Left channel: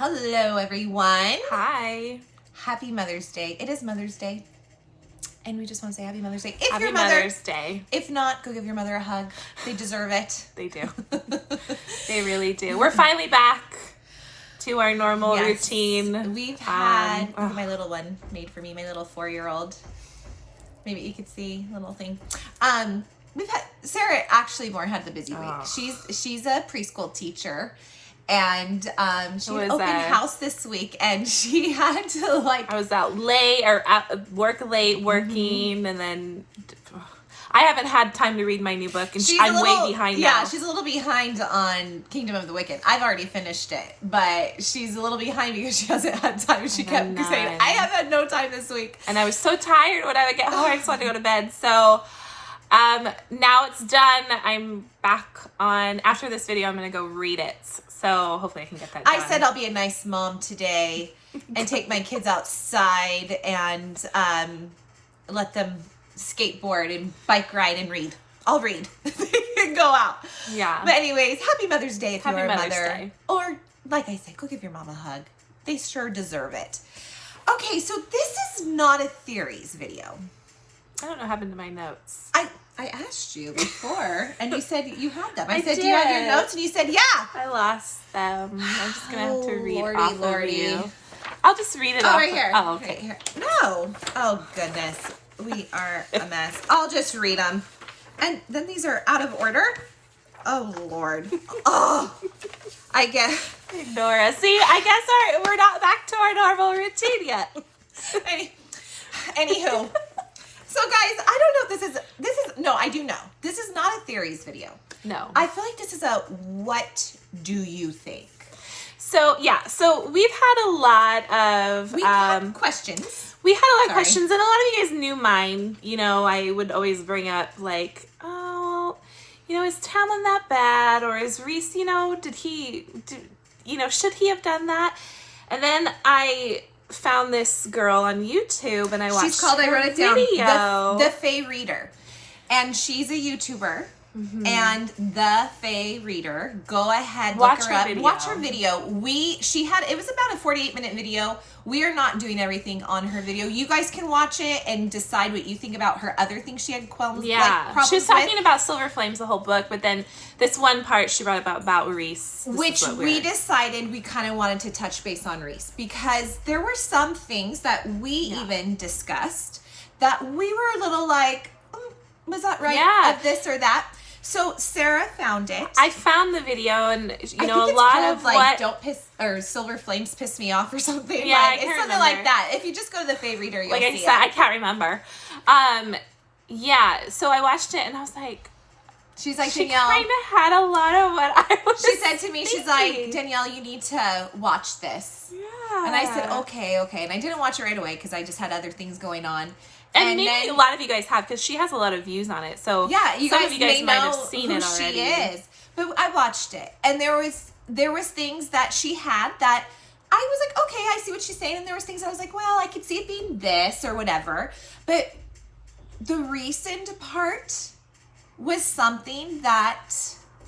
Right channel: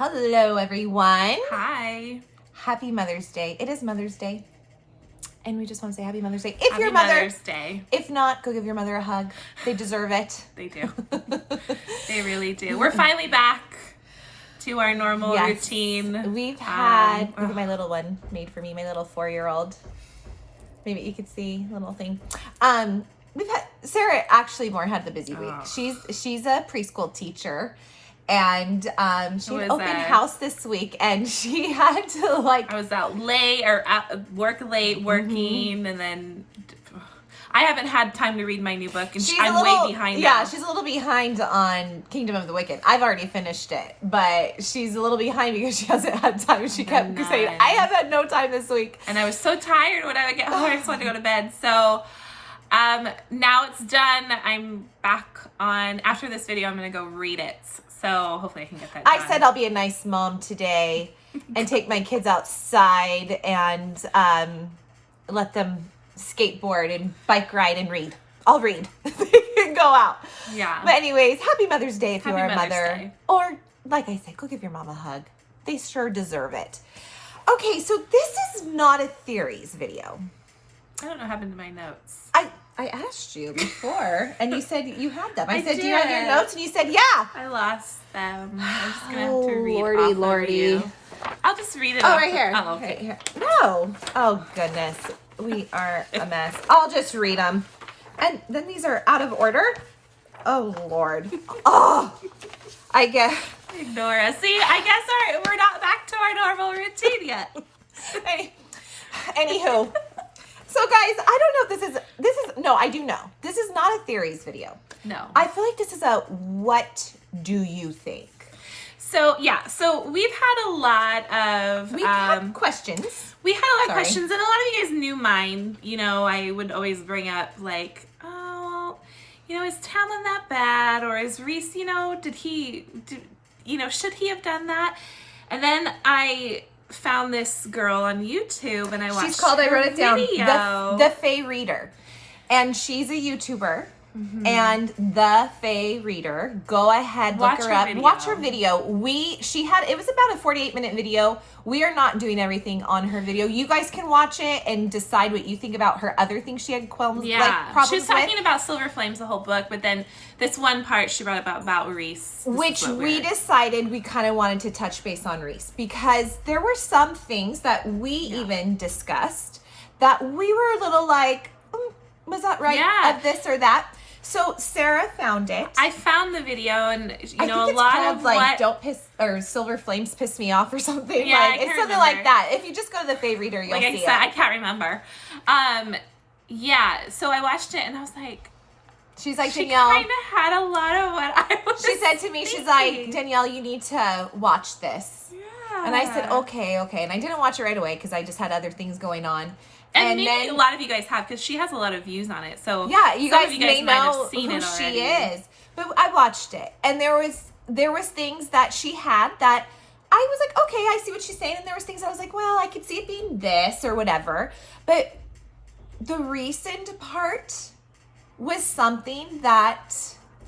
Hello, everyone. Hi. Happy Mother's Day. It is Mother's Day. And we just want to say Happy Mother's Day. Happy Mother's Day. If not, go give your mother a hug. They deserve it. They do. They really do. We're finally back to our normal routine. We've had, look at my little one made for me, my little 4-year-old. Maybe you could see a little thing. We've had, Sarah actually more had the busy week. She's a preschool teacher. And she had open house this week, and she had to I was out late or at work late working, and then I haven't had time to read my new book, and I'm way behind now. Yeah, she's a little behind on Kingdom of the Wicked. I've already finished it, but she's a little behind because she hasn't had time. She kept saying, "I have had no time this week," and I was so tired when I would get home. I just wanted to go to bed. So now it's done. I'm back on. After this video, I'm gonna go read it. So hopefully I can get that done. I said I'll be a nice mom today and take my kids outside and let them skateboard and bike ride and read. I'll read and go out. Yeah. But anyways, happy Mother's Day if you're a mother. Day. Or, like I said, go give your mom a hug. They sure deserve it. Okay, so this is not a theories video. I don't know what happened to my notes. I asked you before, and you said you had them. I said, did. "Do you have your notes?" And you said, "Yeah." I lost them. I'm just gonna have to read off of you. I'll just read it off. Right here. Oh, okay. Here. No. Oh goodness, we are a mess. I'll just read them, and then these are out of order. Oh Lord. Oh, I guess. Ignore us. See, I guess we're not back to our normal routine yet. Anywho. So guys, I don't know if this is no, I do know. This is not a theories video. No. I feel like this is a what do you think? So yeah, so we've had a lot of questions. We had a lot of questions, and a lot of you guys knew mine. You know, I would always bring up like, oh, you know, is Tamlin that bad? Or is Rhys, you know, should he have done that? And then I found this girl on YouTube, and I watched. She's called. I wrote it down. The Fae Reader, and she's a YouTuber. Mm-hmm. And the Fae Reader. Go ahead, look her up. Watch her video. It was about a 48-minute video. We are not doing everything on her video. You guys can watch it and decide what you think about her other things she had problems she was talking about Silver Flames the whole book, but then this one part she brought about Rhys. Which we decided we kind of wanted to touch base on Rhys, because there were some things that we even discussed that we were a little like, was that right? Yeah. Of this or that. So Sarah found it. I found the video, and a lot of what don't piss or Silver Flames piss me off or something. Yeah, it's something like that. If you just go to the Fae Reader, you'll see it. I can't remember. Yeah. So I watched it, and I was like, she's like, she Danielle. Kind of had a lot of what I was. She said to me, she's like, Danielle, you need to watch this. Yeah. And I said, okay. And I didn't watch it right away because I just had other things going on. And maybe a lot of you guys have, because she has a lot of views on it. So yeah, some of you guys might have seen it already. She is. But I watched it, and there was things that she had that I was like, okay, I see what she's saying, and there was things I was like, well, I could see it being this or whatever. But the Rhysand part was something that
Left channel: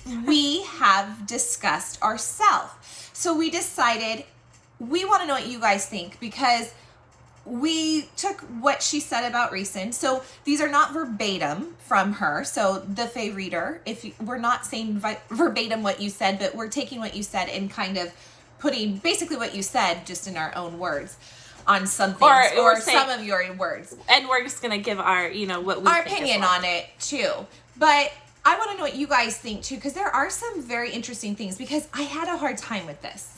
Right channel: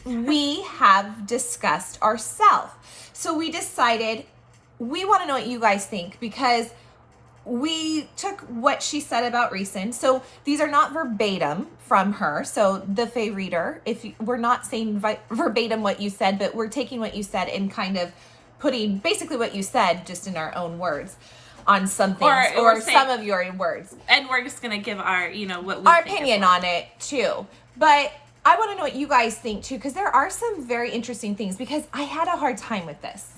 we have discussed ourselves. So we decided we want to know what you guys think, because we took what she said about Rhysand. So these are not verbatim from her. So the Fae Reader, we're not saying verbatim what you said, but we're taking what you said and kind of putting basically what you said just in our own words on some things, or some of your words. And we're just going to give our, what we our think opinion on it too. But I want to know what you guys think too, because there are some very interesting things, because I had a hard time with this.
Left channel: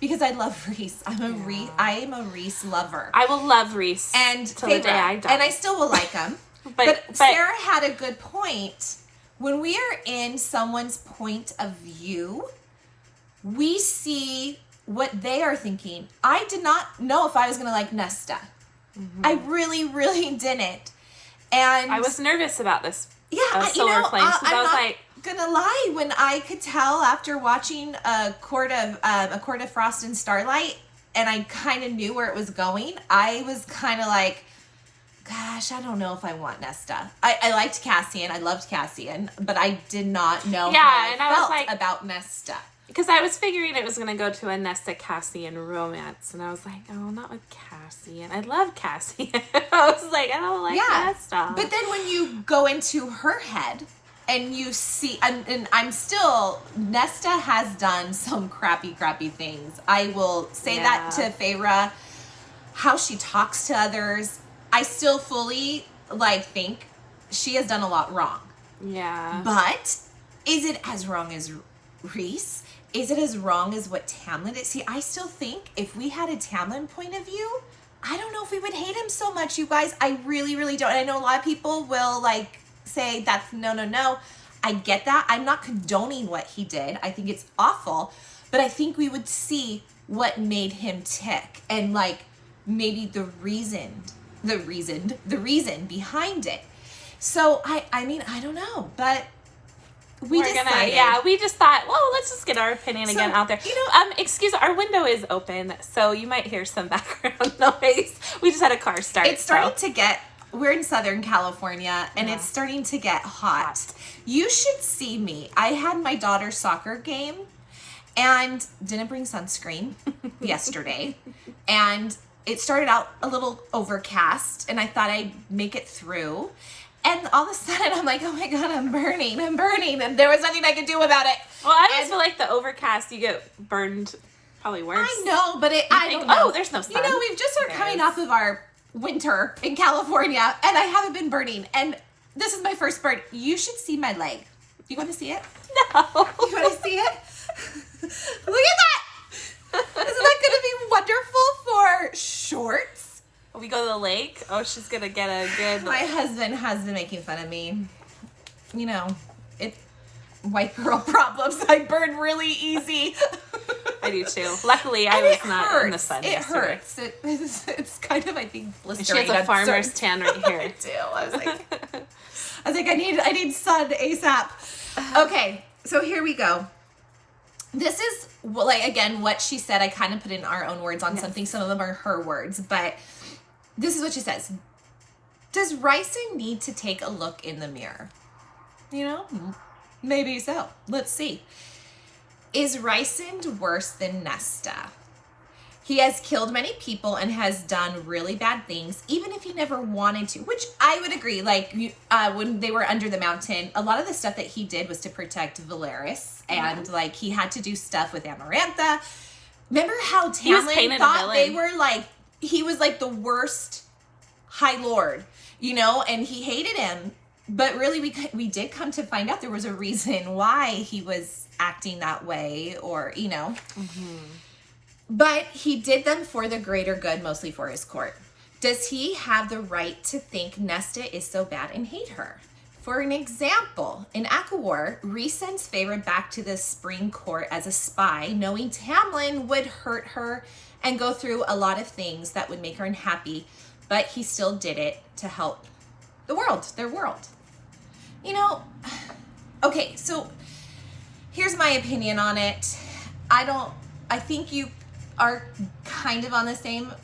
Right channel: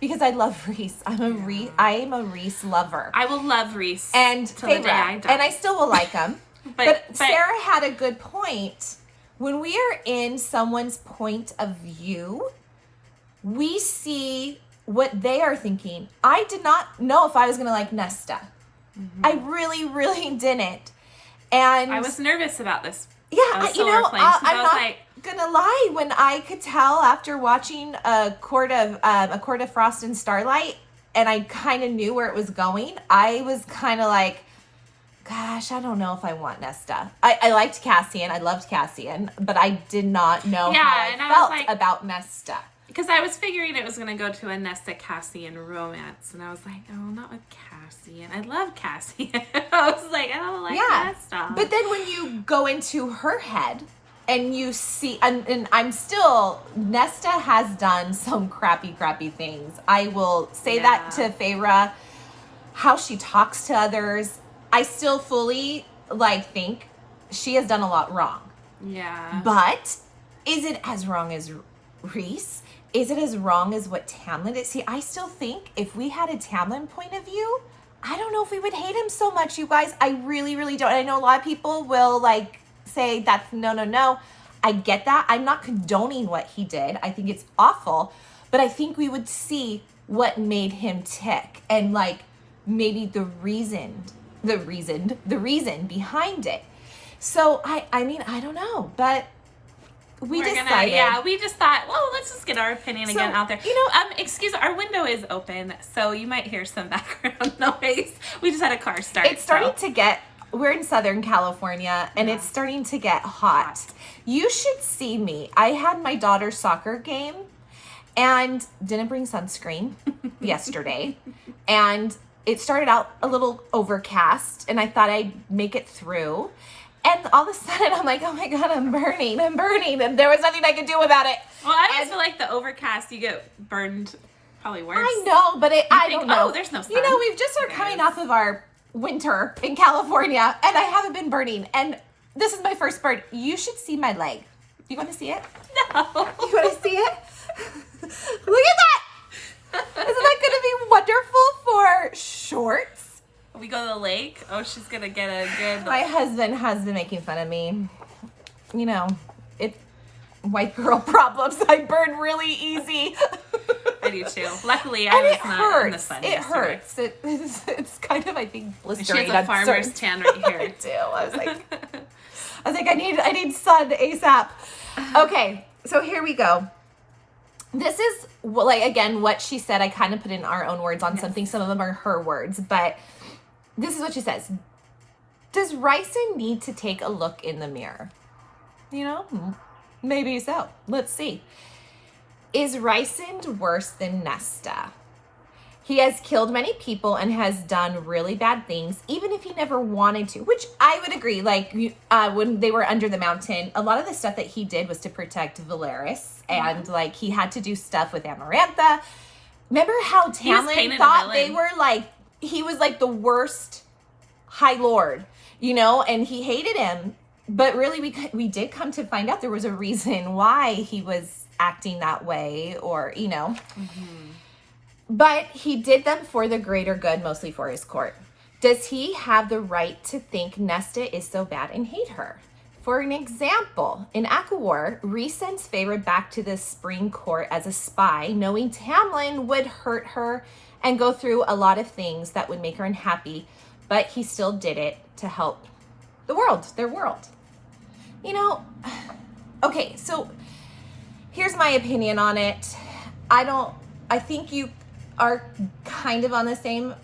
Because I love Rhys. I am a Rhys lover. I will love Rhys until the day I die. And I still will like him. but Sarah had a good point. When we are in someone's point of view, we see what they are thinking. I did not know if I was going to like Nesta. Mm-hmm. I really, really didn't. And I was nervous about this. Yeah, Silver Flames. I was like, gonna lie, when I could tell after watching a Court of Frost and Starlight, and I kind of knew where it was going, I was kind of like, gosh, I don't know if I want Nesta. I liked Cassian, I loved Cassian, but I did not know how I felt about Nesta. because I was figuring it was going to go to a Nesta Cassian romance, and I was like, oh, not with Cassian. I love Cassian. I was like, I don't like Nesta. But then when you go into her head and you see, and I'm still, Nesta has done some crappy things. I will say that to Feyre, how she talks to others. I still fully, like, think she has done a lot wrong. Yeah. But is it as wrong as Rhys? Is it as wrong as what Tamlin did? See, I still think if we had a Tamlin point of view, I don't know if we would hate him so much, you guys. I really don't. I know a lot of people will, like, say that's no. I get that. I'm not condoning what he did. I think it's awful. But I think we would see what made him tick and, like, maybe the reason behind it. So, I mean, I don't know. But we just thought, well, let's just get our opinion again out there. You know, excuse, our window is open, so you might hear some background noise. We just had a car start. It's starting to get, we're in Southern California, and it's starting to get hot. You should see me. I had my daughter's soccer game, and didn't bring sunscreen yesterday, and it started out a little overcast, and I thought I'd make it through. And all of a sudden, I'm like, oh my God, I'm burning. And there was nothing I could do about it. Well, I always feel like the overcast, you get burned probably worse. I know, but I don't know. Oh, there's no sun. You know, we've just started coming off of our winter in California, and I haven't been burning. And this is my first burn. You should see my leg. Do you want to see it? No. You want to see it? Look at that. Isn't that going to be wonderful for shorts? We go to the lake. Oh, she's gonna get a good. My husband has been making fun of me. You know, white girl problems. I burn really easy. I do too. Luckily, I was not in the sun. It hurts. It's kind of, I think, blistering. She has a farmer's tan right here. I do. I was like, I need sun ASAP. Okay, so here we go. This is, like, again, what she said. I kind of put in our own words on something. Some of them are her words, but this is what she says. Does Rhysand need to take a look in the mirror? You know, maybe so. Let's see. Is Rhysand worse than Nesta? He has killed many people and has done really bad things, even if he never wanted to, which I would agree. Like, when they were under the mountain, a lot of the stuff that he did was to protect Valeris, and, like, he had to do stuff with Amarantha. Remember how Tamlin thought they were, like, he was, like, the worst High Lord, you know, and he hated him. But really, we did come to find out there was a reason why he was acting that way, or, you know. Mm-hmm. But he did them for the greater good, mostly for his court. Does he have the right to think Nesta is so bad and hate her? For an example, in ACOTAR, Rhys sends Feyre back to the Spring Court as a spy, knowing Tamlin would hurt her and go through a lot of things that would make her unhappy, but he still did it to help the world, their world. You know, okay, so here's my opinion on it. I think you are kind of on the same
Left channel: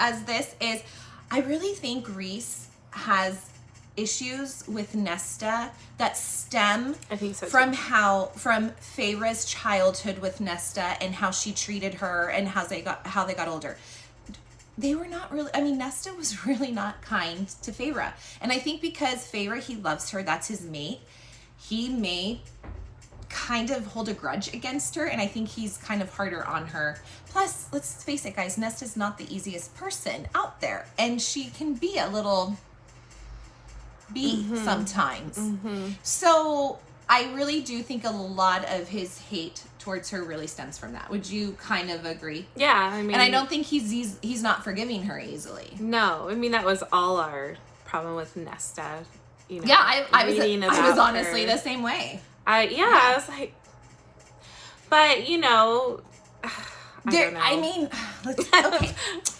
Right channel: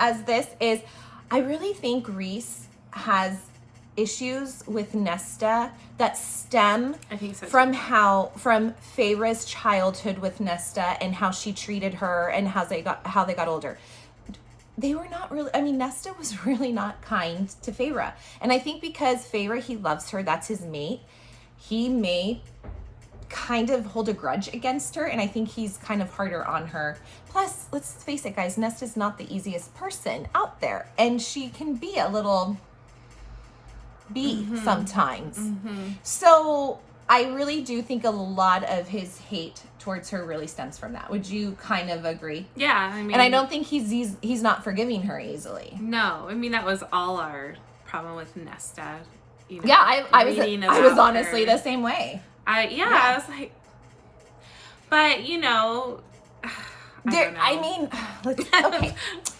as this, is I really think Rhys has issues with Nesta that stem from Feyre's childhood with Nesta and how she treated her and how they got older. They were not really, I mean, Nesta was really not kind to Feyre. And I think because Feyre, he loves her, that's his mate, he may kind of hold a grudge against her, and I think he's kind of harder on her. Plus, let's face it, guys, Nesta's not the easiest person out there, and she can be a little sometimes. Mm-hmm. So I really do think a lot of his hate towards her really stems from that. Would you kind of agree? Yeah, I mean, and I don't think he's not forgiving her easily. No, I mean, that was all our problem with Nesta. You know, yeah, I was honestly the same way. I was like, but, you know, I don't know. I mean,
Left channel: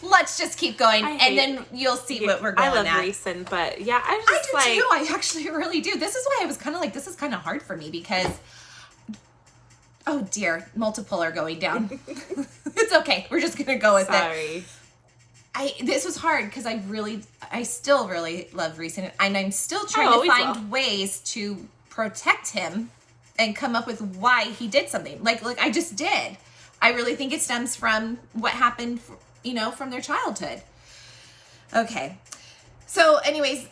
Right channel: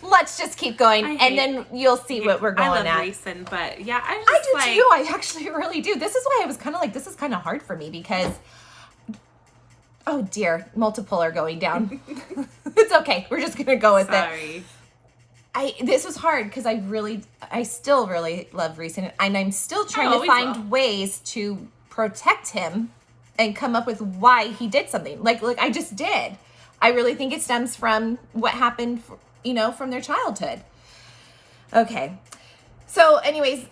let's just keep going, and then you'll see what we're going at. I love Rhysand, but yeah, I do too. I actually really do. This is why I was kind of like, this is kind of hard for me because, oh dear, multiple are going down. It's okay. We're just gonna go with it. This was hard because I still really love Rhysand, and I'm still trying to find ways to protect him and come up with why he did something. Like I just did. I really think it stems from what happened, you know, from their childhood. Okay. So anyways,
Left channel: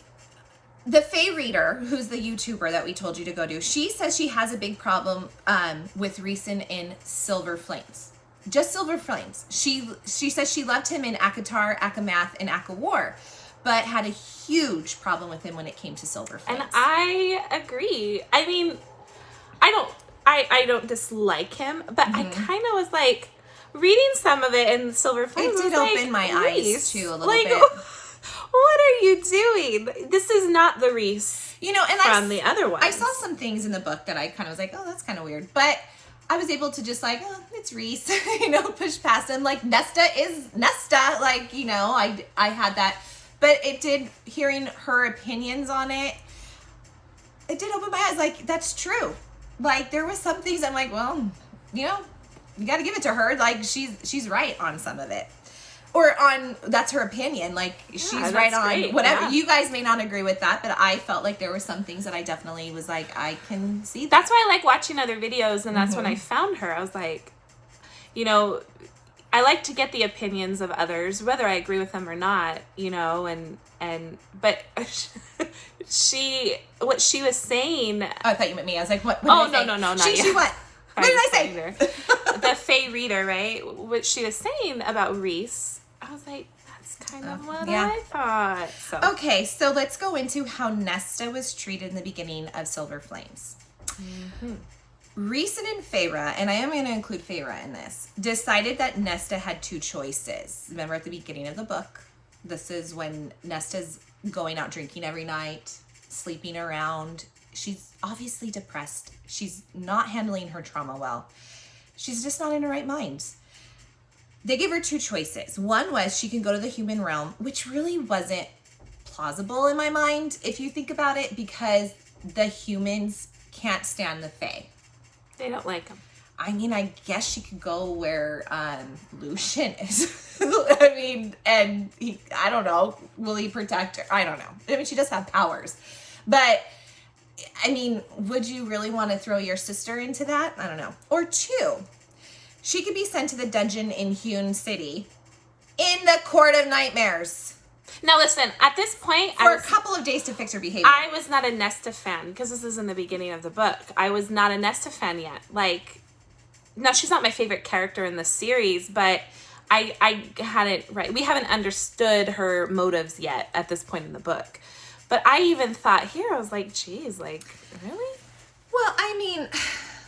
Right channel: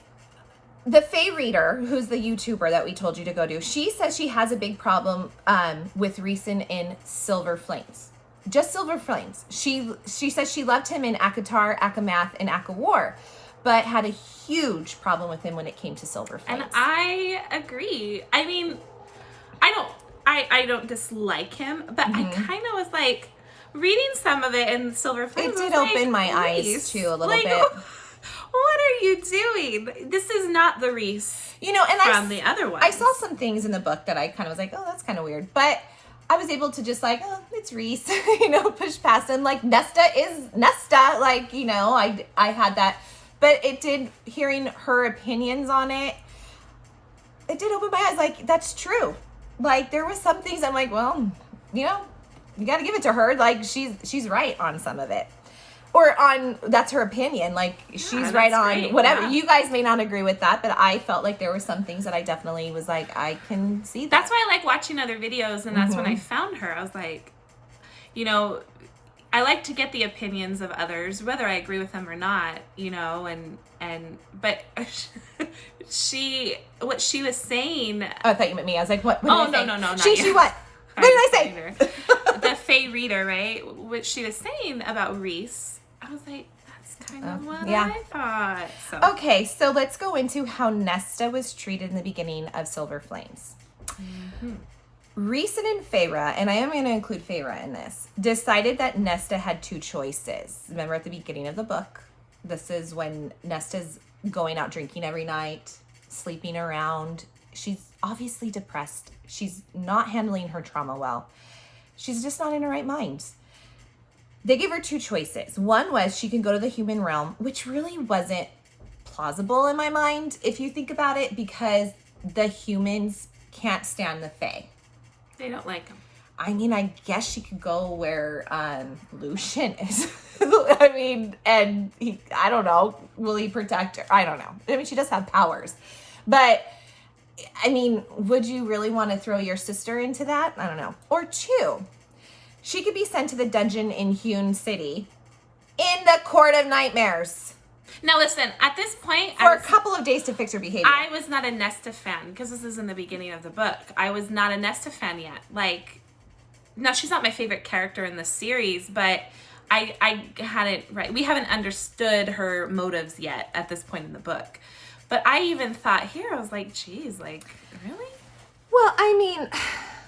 the Fae Reader, who's the YouTuber that we told you to go to, she says she has a big problem with Rhysand in Silver Flames. Just Silver Flames. She says she loved him in ACOTAR, ACOMATH, and ACOWAR, but had a huge problem with him when it came to Silver Flames. And I agree. I mean, I don't dislike him, but I kind of was like, reading some of it in Silver Flames, it did open my eyes too a little bit. What are you doing? This is not the Rhys, you know, and from the other ones. I saw some things in the book that I kind of was like, oh, that's kind of weird, but I was able to just like, oh, it's Rhys, you know, push past him. Like Nesta is Nesta, like, you know, I had that, but it did, hearing her opinions on it did open my eyes. Like, that's true. Like, there was some things I'm like, well, you know, you got to give it to her. Like, she's right on some of it. Or on, that's her opinion. Like, she's right on great. whatever. Yeah. You guys may not agree with that, but I felt like there were some things that I definitely was like, I can see that. That's why I like watching other videos, and that's when I found her. I was like, you know, I like to get the opinions of others, whether I agree with them or not, you know, but what she was saying. Oh, I thought you meant me. I was like, what? Oh, no, not she you. What? What did I say? The Fae Reader, right? What she was saying about Rhys, I was like, that's kind of what I thought. So. Okay, so let's go into how Nesta was treated in the beginning of Silver Flames. Rhysand and Feyre, and I am going to include Feyre in this, decided that Nesta had two choices. Remember at the beginning of the book, this is when Nesta's going out drinking every night, sleeping around. She's obviously depressed. She's not handling her trauma well. She's just not in her right mind. They gave her two choices. One was she can go to the human realm, which really wasn't plausible in my mind, if you think about it, because the humans can't stand the Fae. They don't like them. I mean, I guess she could go where Lucian is. I mean, and I don't know. Will he protect her? I don't know. I mean, she does have powers. But, I mean, would you really want to throw your sister into that? I don't know. Or two, she could be sent to the dungeon in Hewn City in the Court of Nightmares. Now listen, at this point, For a couple of days to fix her behavior. I was not a Nesta fan, because this is in the beginning of the book. I was not a Nesta fan yet. Like, now she's not my favorite character in the series, but I hadn't, right, we haven't understood her motives yet at this point in the book. But I even thought here, I was like, geez, like, really? Well, I mean...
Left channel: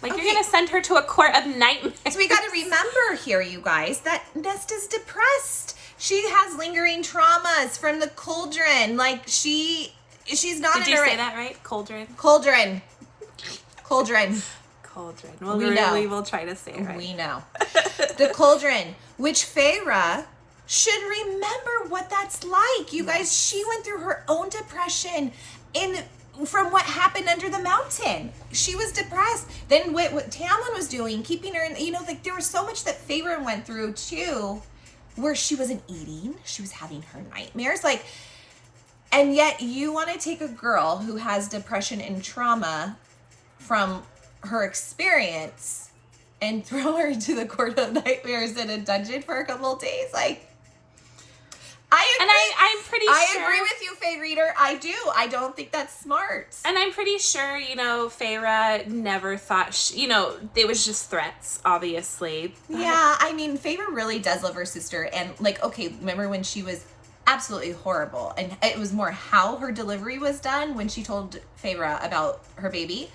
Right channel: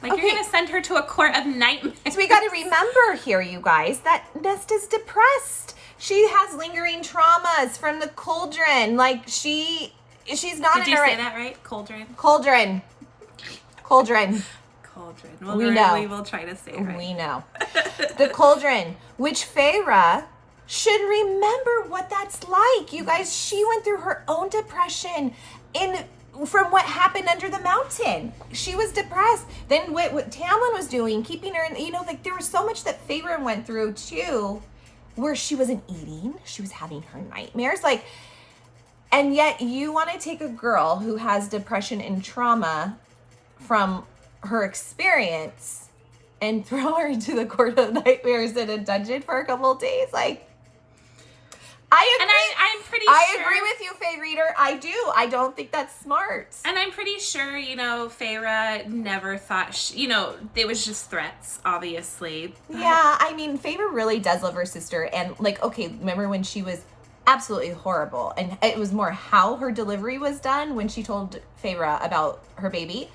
Like, okay. You're going to send her to a court of nightmares. So we got to remember here, you guys, that Nesta's depressed. She has lingering traumas from the cauldron. Like, she's not Did you say that right? Cauldron? Cauldron. Cauldron. Cauldron. Well, We know. We will try to say it right. We know. The cauldron, which Feyre should remember what that's like. You guys, she went through her own depression from what happened under the mountain. She was depressed. Then what Tamlin was doing, keeping her in, you know, like there was so much that Feyre went through too, where she wasn't eating. She was having her nightmares. Like, and yet you want to take a girl who has depression and trauma from her experience and throw her into the Court of Nightmares in a dungeon for a couple of days. Like, I agree. And I'm pretty I sure. agree with you, Fae Reader. I do. I don't think that's smart. And I'm pretty sure, you know, Feyre never thought, you know, it was just threats, obviously. But... Yeah, I mean, Feyre really does love her sister. And, like, okay, remember when she was absolutely horrible? And it was more how her delivery was done when she told Feyre about her baby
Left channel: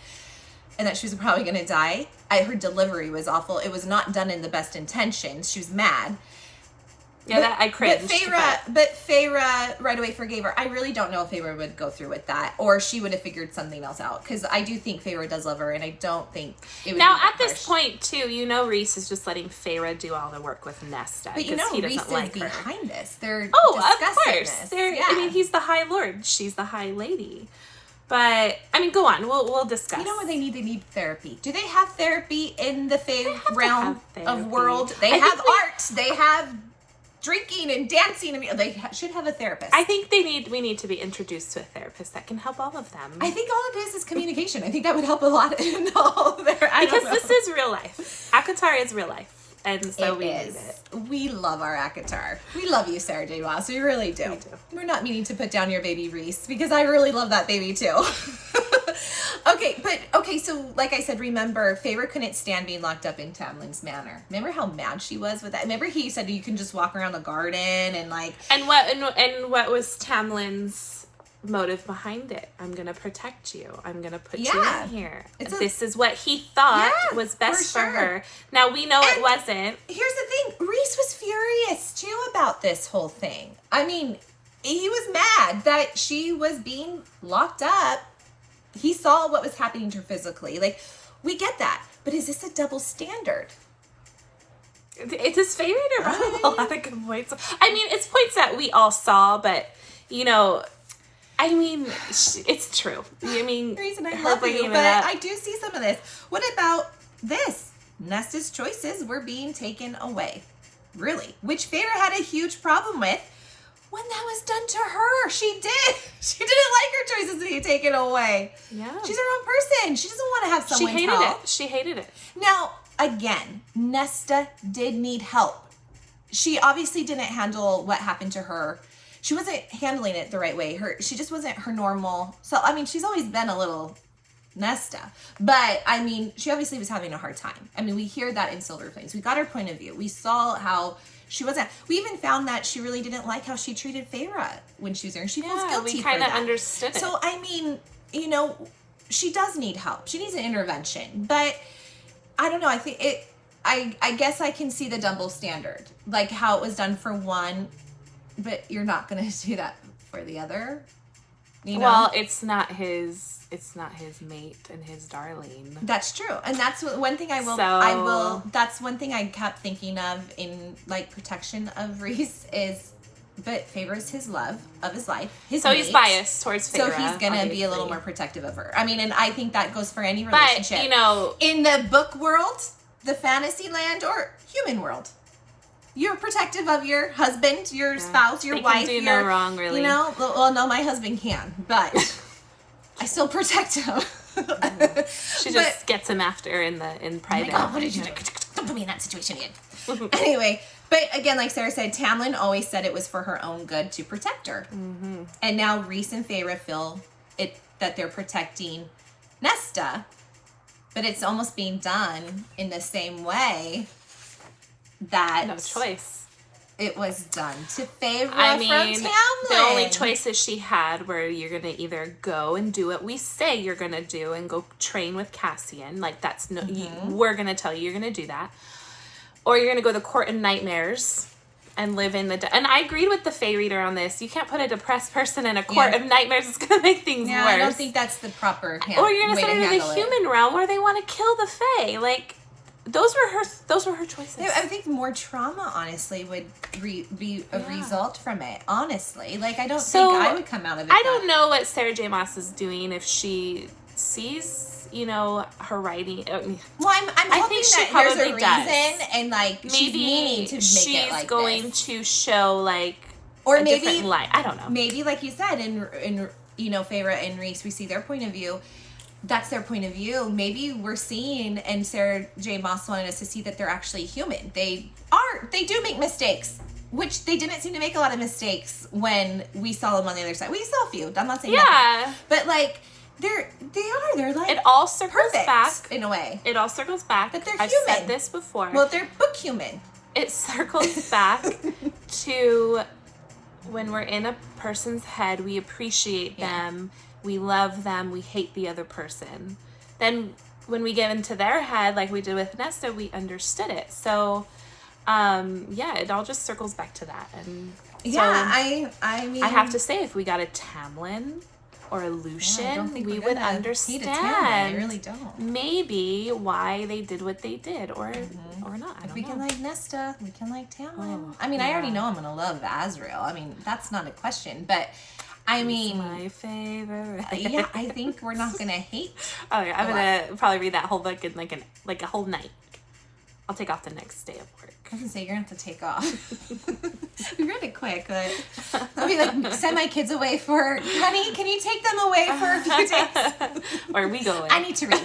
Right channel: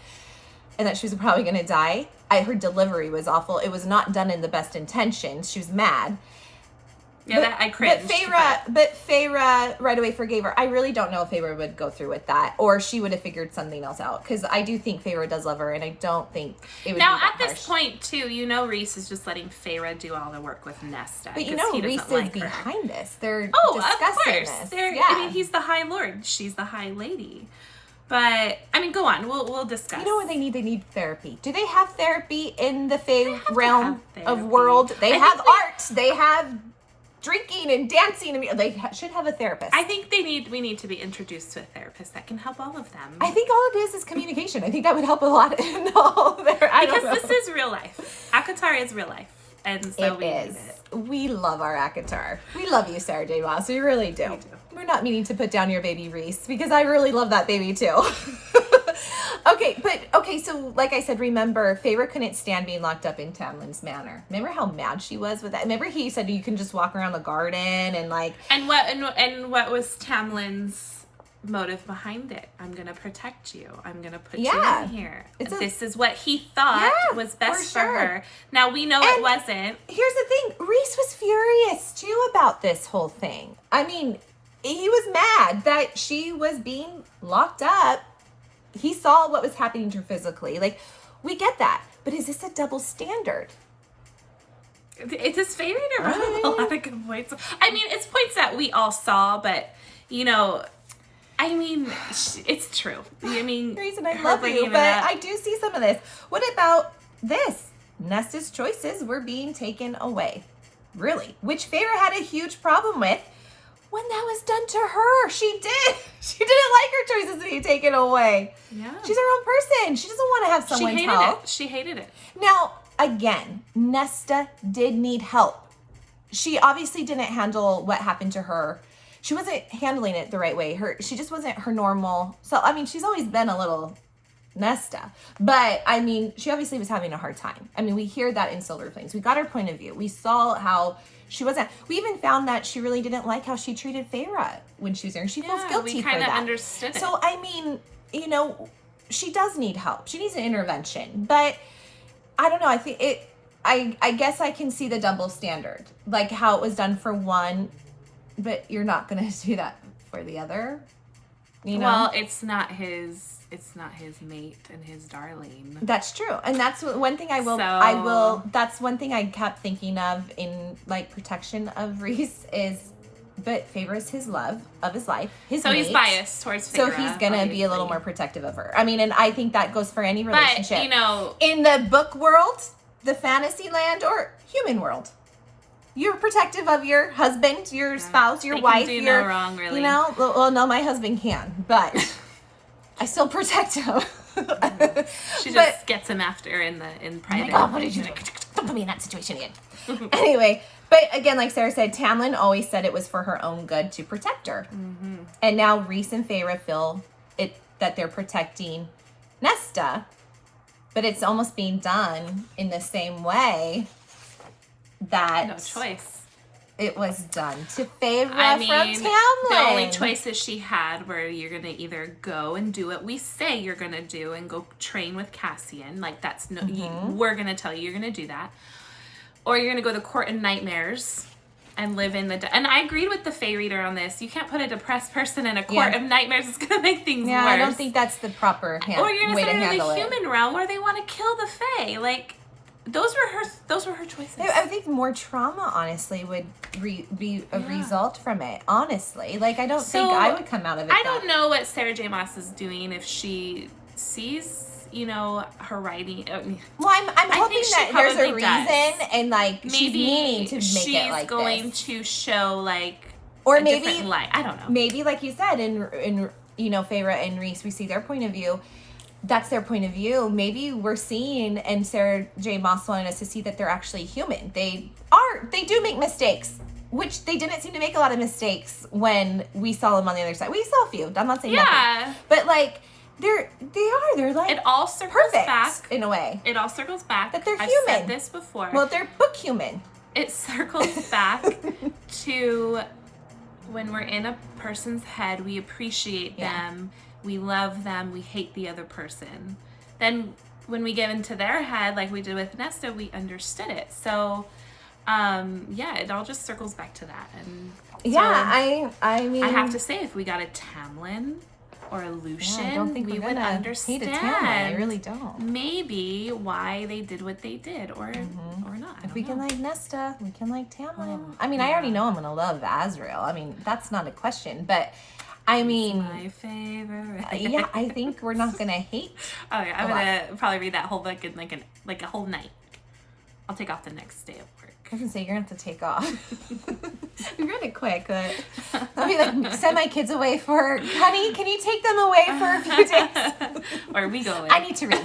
and that she was probably going to die. Her delivery was awful. It was not done in the best intentions. She was mad. Yeah, that I cringed. But Feyre right away forgave her. I really don't know if Feyre would go through with that, or she would have figured something else out. Because I do think Feyre does love her, and I don't think it would. Now, be that at this harsh. point, too, you know, Rhys is just letting Feyre do all the work with Nesta. But you know, he Rhys doesn't like is her. behind this. They're of discussing course. this. They're, Yeah. I mean, he's the High Lord. She's the High Lady. But I mean, go on. We'll discuss. You know what they need? They need therapy. Do they have therapy in the Fae have to realm have of therapy. world? They I have think art. They have drinking and dancing. And they should have a therapist. I think we need to be introduced to a therapist that can help all of them. I think all it is communication. I think that would help a lot in all their. Because this is real life. ACOTAR is real life. And so we need it. We love our ACOTAR. We love you, Sarah J. Maas. We really do. We do. We're not meaning to put down your baby Rhys because I really love that baby too. Okay, so like I said, remember, Feyre couldn't stand being locked up in Tamlin's manor. Remember how mad she was with that? Remember he said you can just walk around the garden and like. And what was Tamlin's motive behind it? I'm gonna protect you. I'm gonna put you in here. This is what he thought was best for her. Now we know it wasn't. Here's the thing: Rhys was furious too about this whole thing. I mean, he was mad that she was being locked up. He saw what was happening to her physically. Like, we get that, but is this a double standard? It's his favorite to run a lot of good points. I mean, it's points that we all saw, but you know. I mean, it's true. I mean, Rhys, I love you, but I do see some of this. What about this? Nesta's choices were being taken away. Really? Which Feyre had a huge problem with when that was done to her. She did. She didn't like her choices being taken away. Yeah. She's her own person. She doesn't want to have someone help. She hated it. Now, again, Nesta did need help. She obviously didn't handle what happened to her. She wasn't handling it the right way. She just wasn't her normal. So, I mean, she's always been a little Nesta. But, I mean, she obviously was having a hard time. I mean, we hear that in Silver Flames. We got her point of view. We saw how she wasn't. We even found that she really didn't like how she treated Feyre when she was there. She feels guilty for that. We kind of understood it. So, I mean, you know, she does need help. She needs an intervention. But, I don't know. I think I guess I can see the double standard. Like, how it was done for one. But you're not going to do that for the other, you know? Well, it's not his mate and his darling. That's true. And that's one thing that's one thing I kept thinking of in, like, protection of Rhys is, but Feyre's his love of his life, his mate. He's biased towards Feyre. So he's going to be a little more protective of her. I mean, and I think that goes for any relationship. But, you know. In the book world, the fantasy land, or human world. You're protective of your husband, your spouse, your wife. Can do no wrong, really. You know, well, no, my husband can, but I still protect him. She just gets him after in private. Oh my God, what did you do? Don't put me in that situation again. Anyway, but again, like Sarah said, Tamlin always said it was for her own good to protect her, and now Rhys and Feyre feel it that they're protecting Nesta, but it's almost being done in the same way. That no choice. It was done to Feyre from Tamlin. The only choices she had were you're gonna either go and do what we say you're gonna do and go train with Cassian, like that's no, we're gonna tell you you're gonna do that, or you're gonna go to court in nightmares and live in the. And I agreed with the Fae reader on this. You can't put a depressed person in a court of nightmares. It's gonna make things worse. I don't think that's the proper. Or you're gonna send her to the human realm where they want to kill the Fae, like. Those were her choices. I think more trauma, honestly, would be a result from it. Honestly, like I don't think I would come out of it. I don't know what Sarah J. Maas is doing if she sees, you know, her writing. Well, I'm hoping that there's a reason, and like maybe she's meaning to make it like she's going to show like or a different light. I don't know. Maybe like you said, in you know, Feyre and Rhys, we see their point of view. That's their point of view. Maybe we're seeing, and Sarah J. Maas wanted us to see that they're actually human. They do make mistakes, which they didn't seem to make a lot of mistakes when we saw them on the other side. We saw a few. I'm not saying nothing. But like, they're like it all circles back in a way. It all circles back. That they're I've human. said this before. Well, they're book human. It circles back to when we're in a person's head, we appreciate them. We love them. We hate the other person. Then when we get into their head, like we did with Nesta, we understood it. So, it all just circles back to that. And so I mean, I have to say, if we got a Tamlin or a Lucian, we would understand. I really don't. Maybe why they did what they did, or not. If we can like Nesta, we can like Tamlin. I mean, I already know I'm gonna love Azriel. I mean, that's not a question, but. I mean, my favorite. Yeah, I think we're not gonna hate. Oh, yeah, I'm gonna probably read that whole book in like a whole night. I'll take off the next day of work. I was gonna say, you're gonna have to take off. You read it quick. Let me like send my kids away for, honey, can you take them away for a few days? Or we go away. I need to read.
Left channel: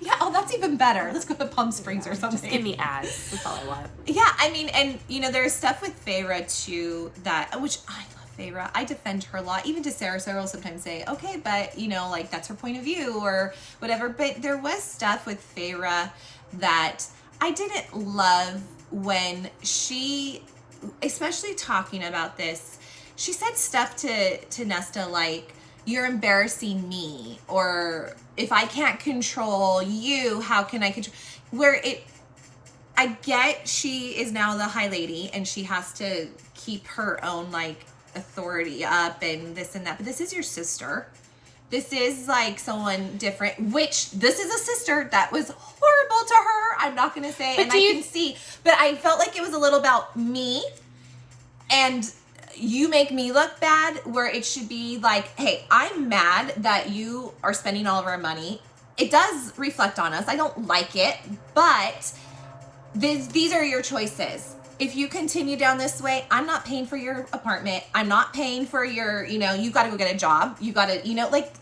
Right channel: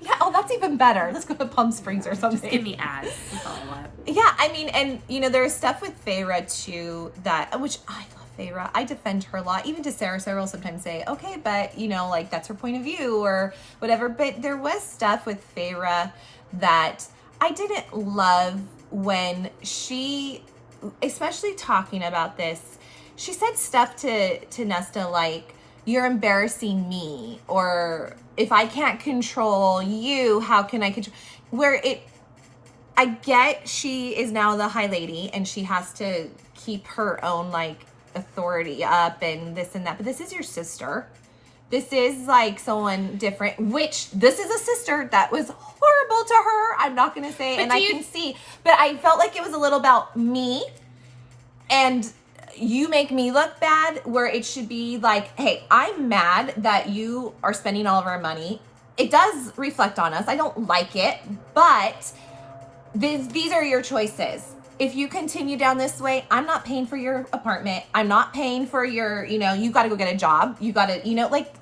Yeah, oh, that's even better. Let's go to Palm Springs or something. Just give me ads. That's all I want. Yeah, I mean, and you know, there's stuff with Feyre too that, which I love Feyre. I defend her a lot. Even to Sarah will sometimes say, okay, but you know, like that's her point of view or whatever. But there was stuff with Feyre that I didn't love when she, especially talking about this, she said stuff to Nesta like, you're embarrassing me, or if I can't control you, how can I control, where I get she is now the High Lady and she has to keep her own like authority up and this and that, but this is your sister. This is like someone different, which this is a sister that was horrible to her. I'm not going to say, but and I can see, but I felt like it was a little about me and you make me look bad, where it should be like, hey, I'm mad that you are spending all of our money. It does reflect on us. I don't like it, but these are your choices. If you continue down this way, I'm not paying for your apartment. I'm not paying for your, you know, you got to go get a job. You got to, you know, like,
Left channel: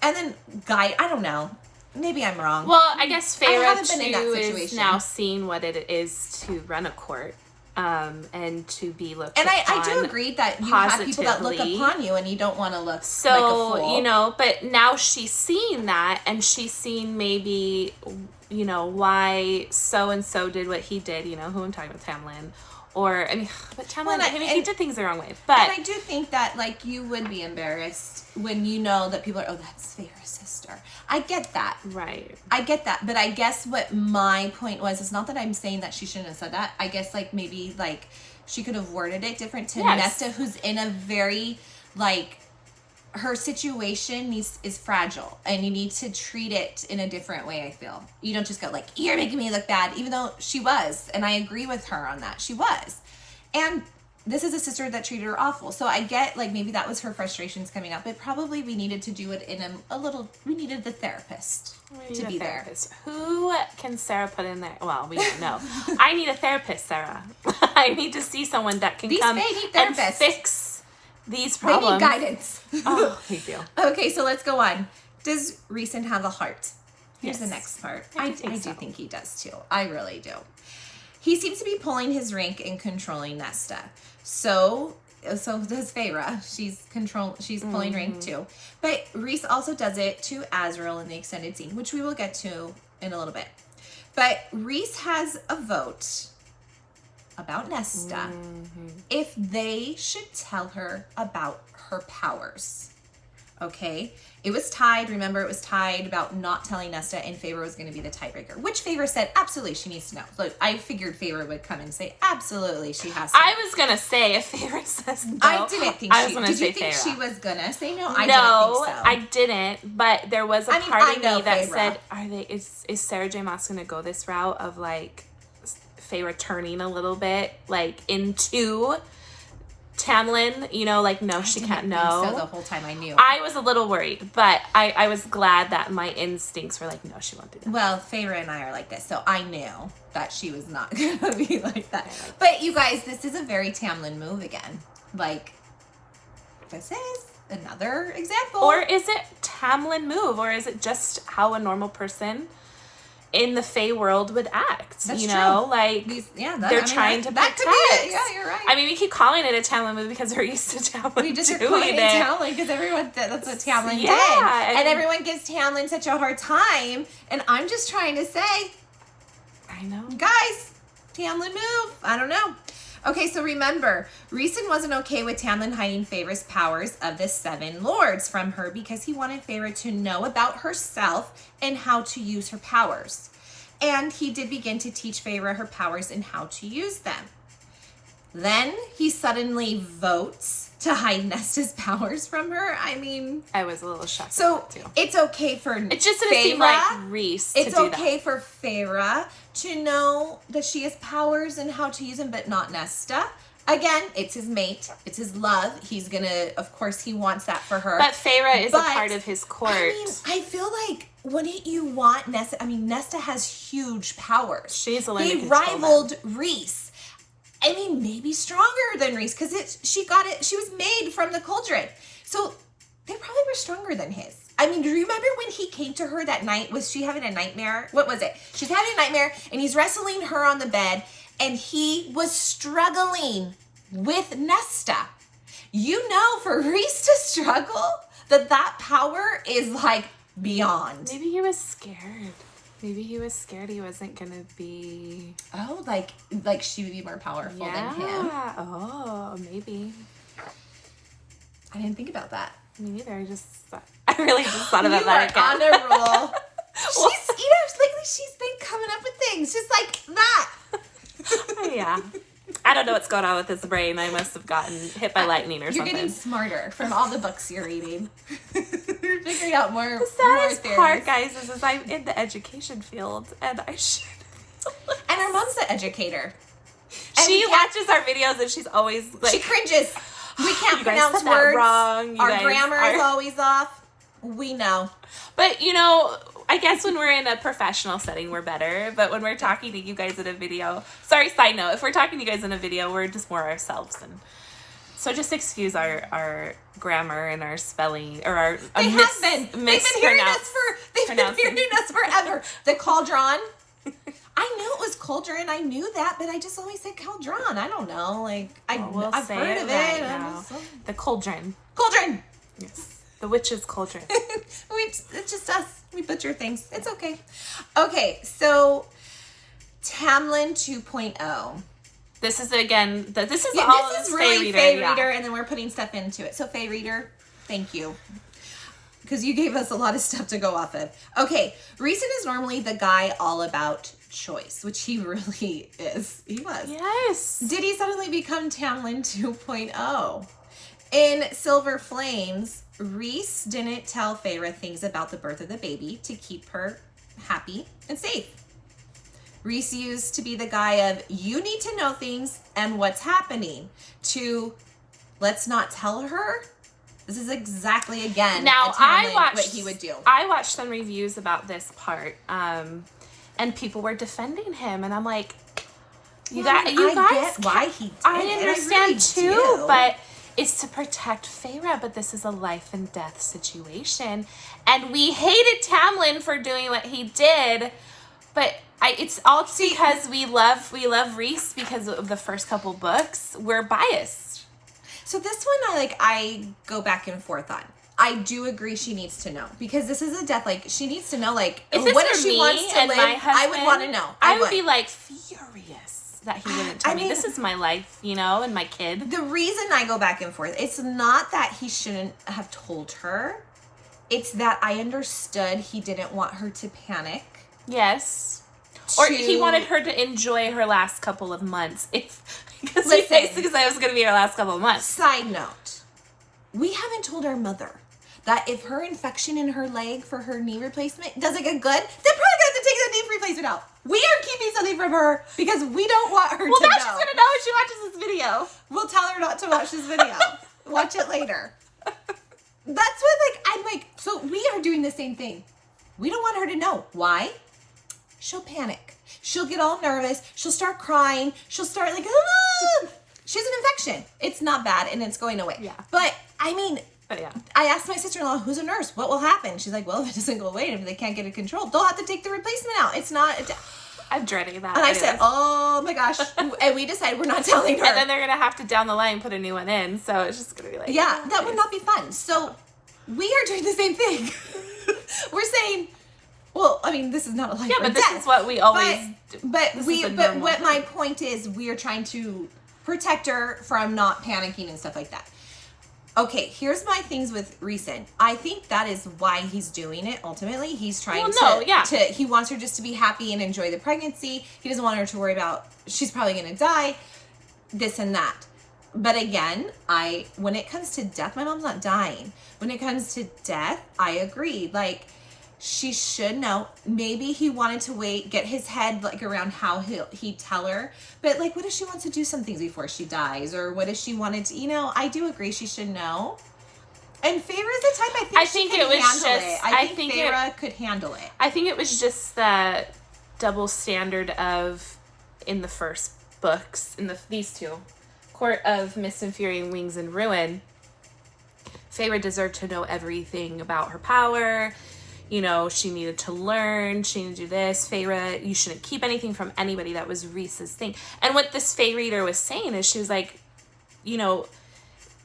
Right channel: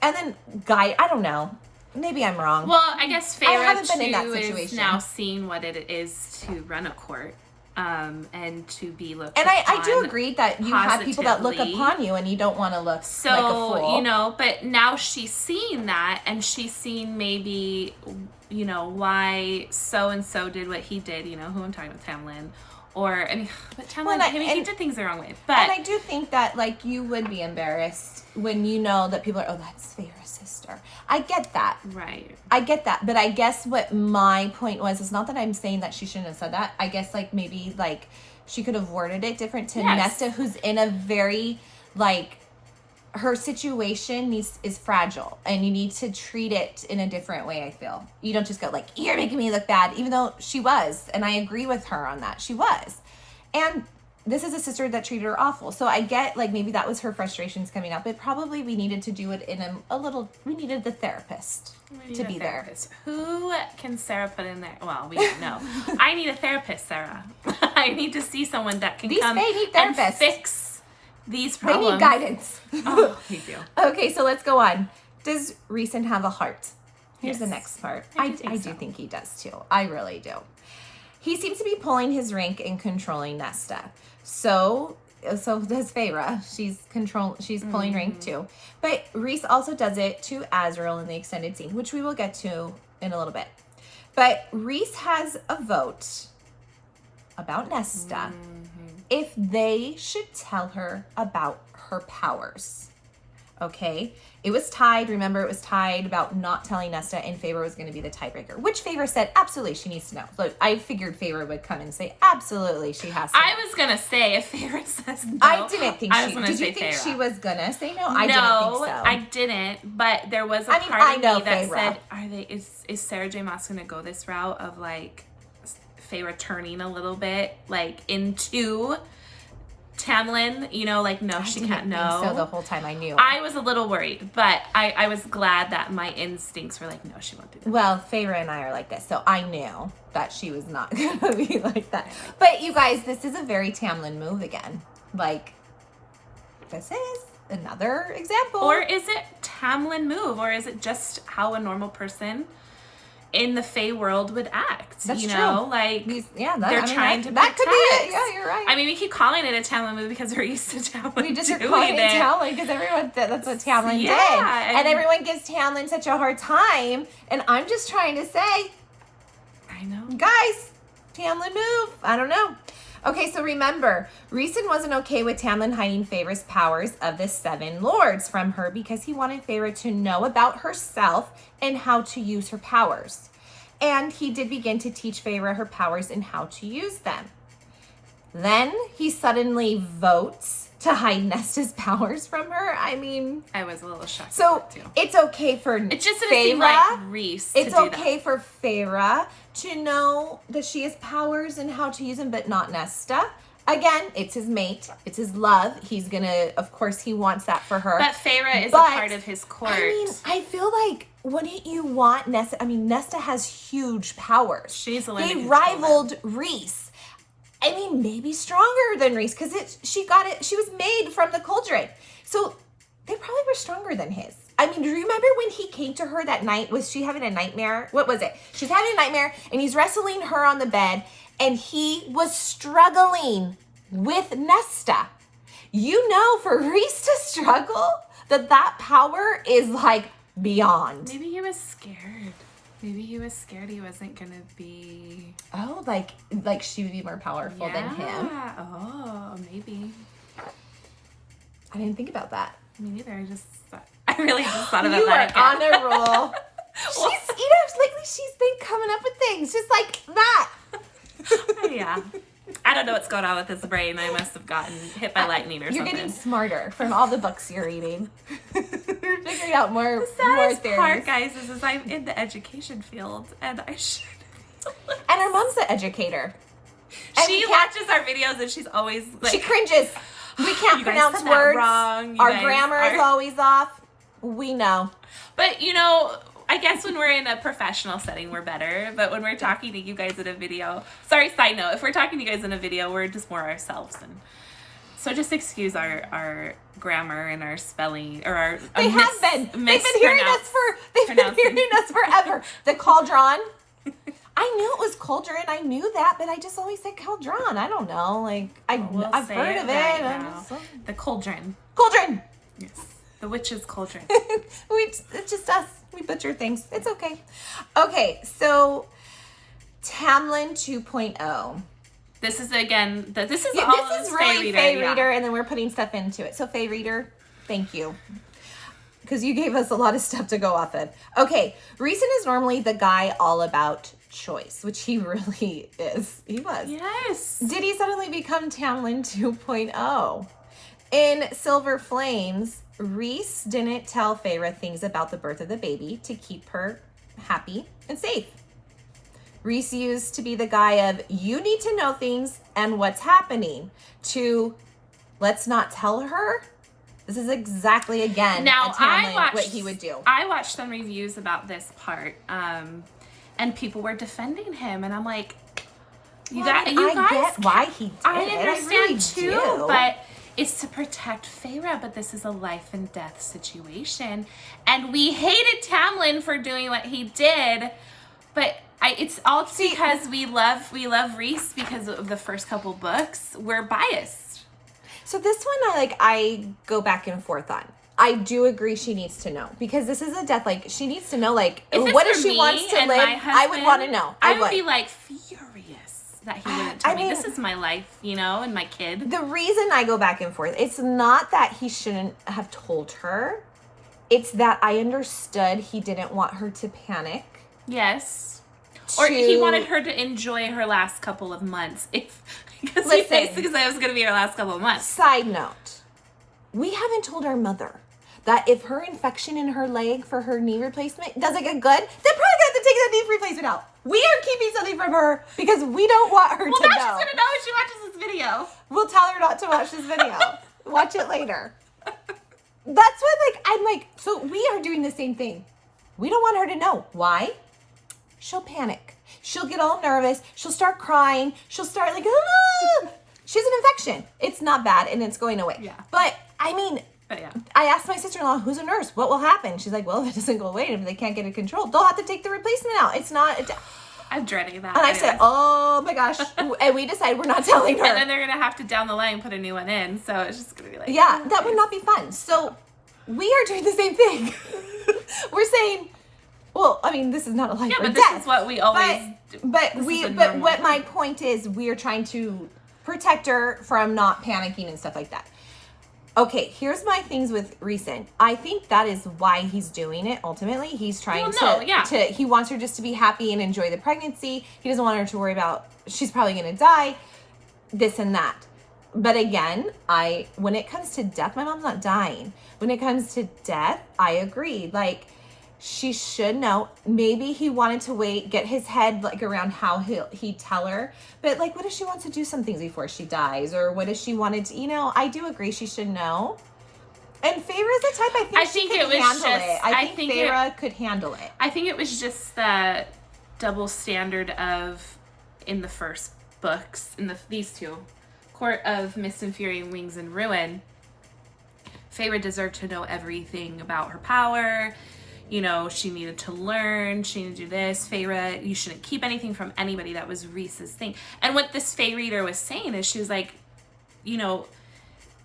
and then I don't know. Maybe I'm wrong. Well, I guess Feyre too is now seeing what it is to run a court, and to be looked. And I do agree that you have people that look upon you, and you don't want to look like a fool. You know, but now she's seeing that, and she's seeing maybe, you know, why so and so did what he did. You know, who I'm talking about, Tamlin. Or, I mean, but Tamlin, I mean, he did things the wrong way. But and I do think that, like, you would be embarrassed when you know that people are, oh, that's Feyre's sister. I get that. Right. I get that. But I guess what my point was, is not that I'm saying that she shouldn't have said that. I guess, like, maybe, like, she could have worded it different to Nesta, who's in a very, like, her situation is fragile, and you need to treat it in a different way, I feel. You don't just go like, you're making me look bad, even though she was, and I agree with her on that. She was. And this is a sister that treated her awful. So I get, like, maybe that was her frustrations coming up. But probably we needed to do it in we needed the therapist to be there. Who can Sarah put in there? Well, we don't know. I need a therapist, Sarah. I need to see someone that can come and fix these problems. We need guidance. Oh, thank you. Okay, so let's go on. Does Rhysand have a heart? Here's the next part. I do think he does too. I really do. He seems to be pulling his rank and controlling Nesta. So does Feyre. She's pulling rank too. But Rhys also does it to Azriel in the extended scene, which we will get to in a little bit. But Rhys has a vote about Nesta if they should tell her about her powers. Okay? It was tied. Remember, it was tied about not telling Nesta, and Feyre was going to be the tiebreaker, which Feyre said, absolutely, she needs to know. Look, I figured Feyre would come and say, absolutely, she has to know. I was going to say, if Feyre says no, I didn't think I was going to say Feyre. Did you think she was going to say no? I didn't think so. I didn't, but there was a part of me that said, is Sarah J. Maas going to go this route of, like, Feyre turning a little bit, like, into Tamlin, you know, like, no, she can't know. So the whole time I knew. I was a little worried, but I was glad that my instincts were like, no, she won't do that. Well, Feyre and I are like this, so I knew that she was not going to be like that. But you guys, this is a very Tamlin move again. Like, this is another example. Or is it Tamlin move, or is it just how a normal person in the Fae world would act? That's you know, true. Like, they're trying to protect. Yeah, you're right. I mean, we keep calling it a Tamlin movie because they're used to Tamlin. You just are calling it Tamlin because everyone, that's what Tamlin did. And everyone gives Tamlin such a hard time. And I'm just trying to say, I know. Guys, Tamlin move. I don't know. Okay, so remember, Rhysand wasn't okay with Tamlin hiding Feyre's powers of the 7 lords from her because he wanted Feyre to know about herself and how to use her powers. And he did begin to teach Feyre her powers and how to use them. Then he suddenly votes to hide Nesta's powers from her. I mean, I was a little shocked. So too. It's okay for it just didn't seem like Rhys to do that. It's okay for Feyre to know that she has powers and how to use them, but not Nesta. Again, it's his mate. It's his love. He's gonna, of course, he wants that for her. But Feyre is a part of his court. I mean, I feel like, wouldn't you want Nesta? I mean, Nesta has huge powers. She's a learning. He rivaled Rhys. I mean, maybe stronger than Rhys because she was made from the cauldron. So they probably were stronger than his. I mean, do you remember when he came to her that night? Was she having a nightmare? What was it? She's having a nightmare and he's wrestling her on the bed and he was struggling with Nesta. You know, for Rhys to struggle, that power is like beyond. Maybe he was scared. Maybe he was scared he wasn't gonna be. Oh, like she would be more powerful than him. Oh, maybe. I didn't think about that. Me neither. I really just thought about that again. You are on a roll. She's been coming up with things just like that. Yeah. I don't know what's going on with his brain. I must have gotten hit by lightning or something. You're getting smarter from all the books you're reading. You're figuring out more. The saddest more part, guys, is I'm in the education field, and I should. And our mom's an educator. She watches our videos, and she's always like, she cringes. We can't pronounce words wrong. Our grammar is always off. We know. But you know, I guess when we're in a professional setting, we're better. But when we're talking to you guys in a video, sorry, side note, if we're talking to you guys in a video, we're just more ourselves. And so just excuse our grammar and our spelling or our They've been hearing us forever. The cauldron. I knew it was cauldron. I knew that, but I just always said cauldron. I don't know. Like I've heard of it. Now. The cauldron. Cauldron. Yes. The witch's cauldron. It's just us. We butcher things. It's okay. Okay, so Tamlin 2.0. This is again. This is really Fae Reader, and then we're putting stuff into it. So Fae Reader, thank you, because you gave us a lot of stuff to go off of. Okay, Rhysand is normally the guy all about choice, which he really is. He was. Yes. Did he suddenly become Tamlin 2.0? In Silver Flames, Rhys didn't tell Feyre things about the birth of the baby to keep her happy and safe. Rhys used to be the guy of, you need to know things and what's happening, to, let's not tell her. This is exactly, again, now, what he would do. I watched some reviews about this part, and people were defending him, and I'm like, you guys, get why he did. I understand really too, do. but it's to protect Feyre, but this is a life and death situation. And we hated Tamlin for doing what he did, but it's all because we love Rhys because of the first couple books. We're biased. So this one, I go back and forth on. I do agree she needs to know, because this is a death, she needs to know, what if she wants to live? I would want to know. I would be furious that he wouldn't tell me. This is my life, and my kid. The reason I go back and forth, it's not that he shouldn't have told her. It's that I understood he didn't want her to panic. Yes. Or he wanted her to enjoy her last couple of months. Because he basically said it was going to be her last couple of months. Side note, we haven't told our mother that if her infection in her leg for her knee replacement doesn't get good, they're probably going to take the knee replacement out. We are keeping something from her because we don't want her to know. Well, now she's going to know when she watches this video. We'll tell her not to watch this video. Watch it later. That's what, I'm like, so we are doing the same thing. We don't want her to know. Why? She'll panic. She'll get all nervous. She'll start crying. She'll start ah! She has an infection. It's not bad, and it's going away. Yeah. But, yeah. I asked my sister-in-law, who's a nurse, what will happen? She's like, well, if it doesn't go away, if they can't get it controlled, they'll have to take the replacement out. It's not... I'm dreading that. And I said, oh my gosh. And we decided we're not telling her. And then they're going to have to down the line put a new one in, so it's just going to be yeah, that would not be fun. So we are doing the same thing. We're saying... Well, this is not a life or but death. This is what we always do. But what my point is, we are trying to protect her from not panicking and stuff like that. Okay, here's my things with Rhysand. I think that is why he's doing it. Ultimately, he's trying he wants her just to be happy and enjoy the pregnancy. He doesn't want her to worry about she's probably going to die, this and that. But again, when it comes to death, my mom's not dying. When it comes to death, I agree. she should know. Maybe he wanted to wait, get his head like around how he'd tell her. But like, what if she wants to do some things before she dies? Or what if she wanted to, you know, I do agree she should know. And Feyre's the type I think she could handle it. I think Feyre could handle it. I think it was just the double standard of, in the first books, in these two, Court of Mist and Fury and Wings and Ruin, Feyre deserved to know everything about her power. You know, she needed to learn, she needed to do this. Feyre, you shouldn't keep anything from anybody. That was Rhys's thing. And what this Fey reader was saying is, she was like, you know,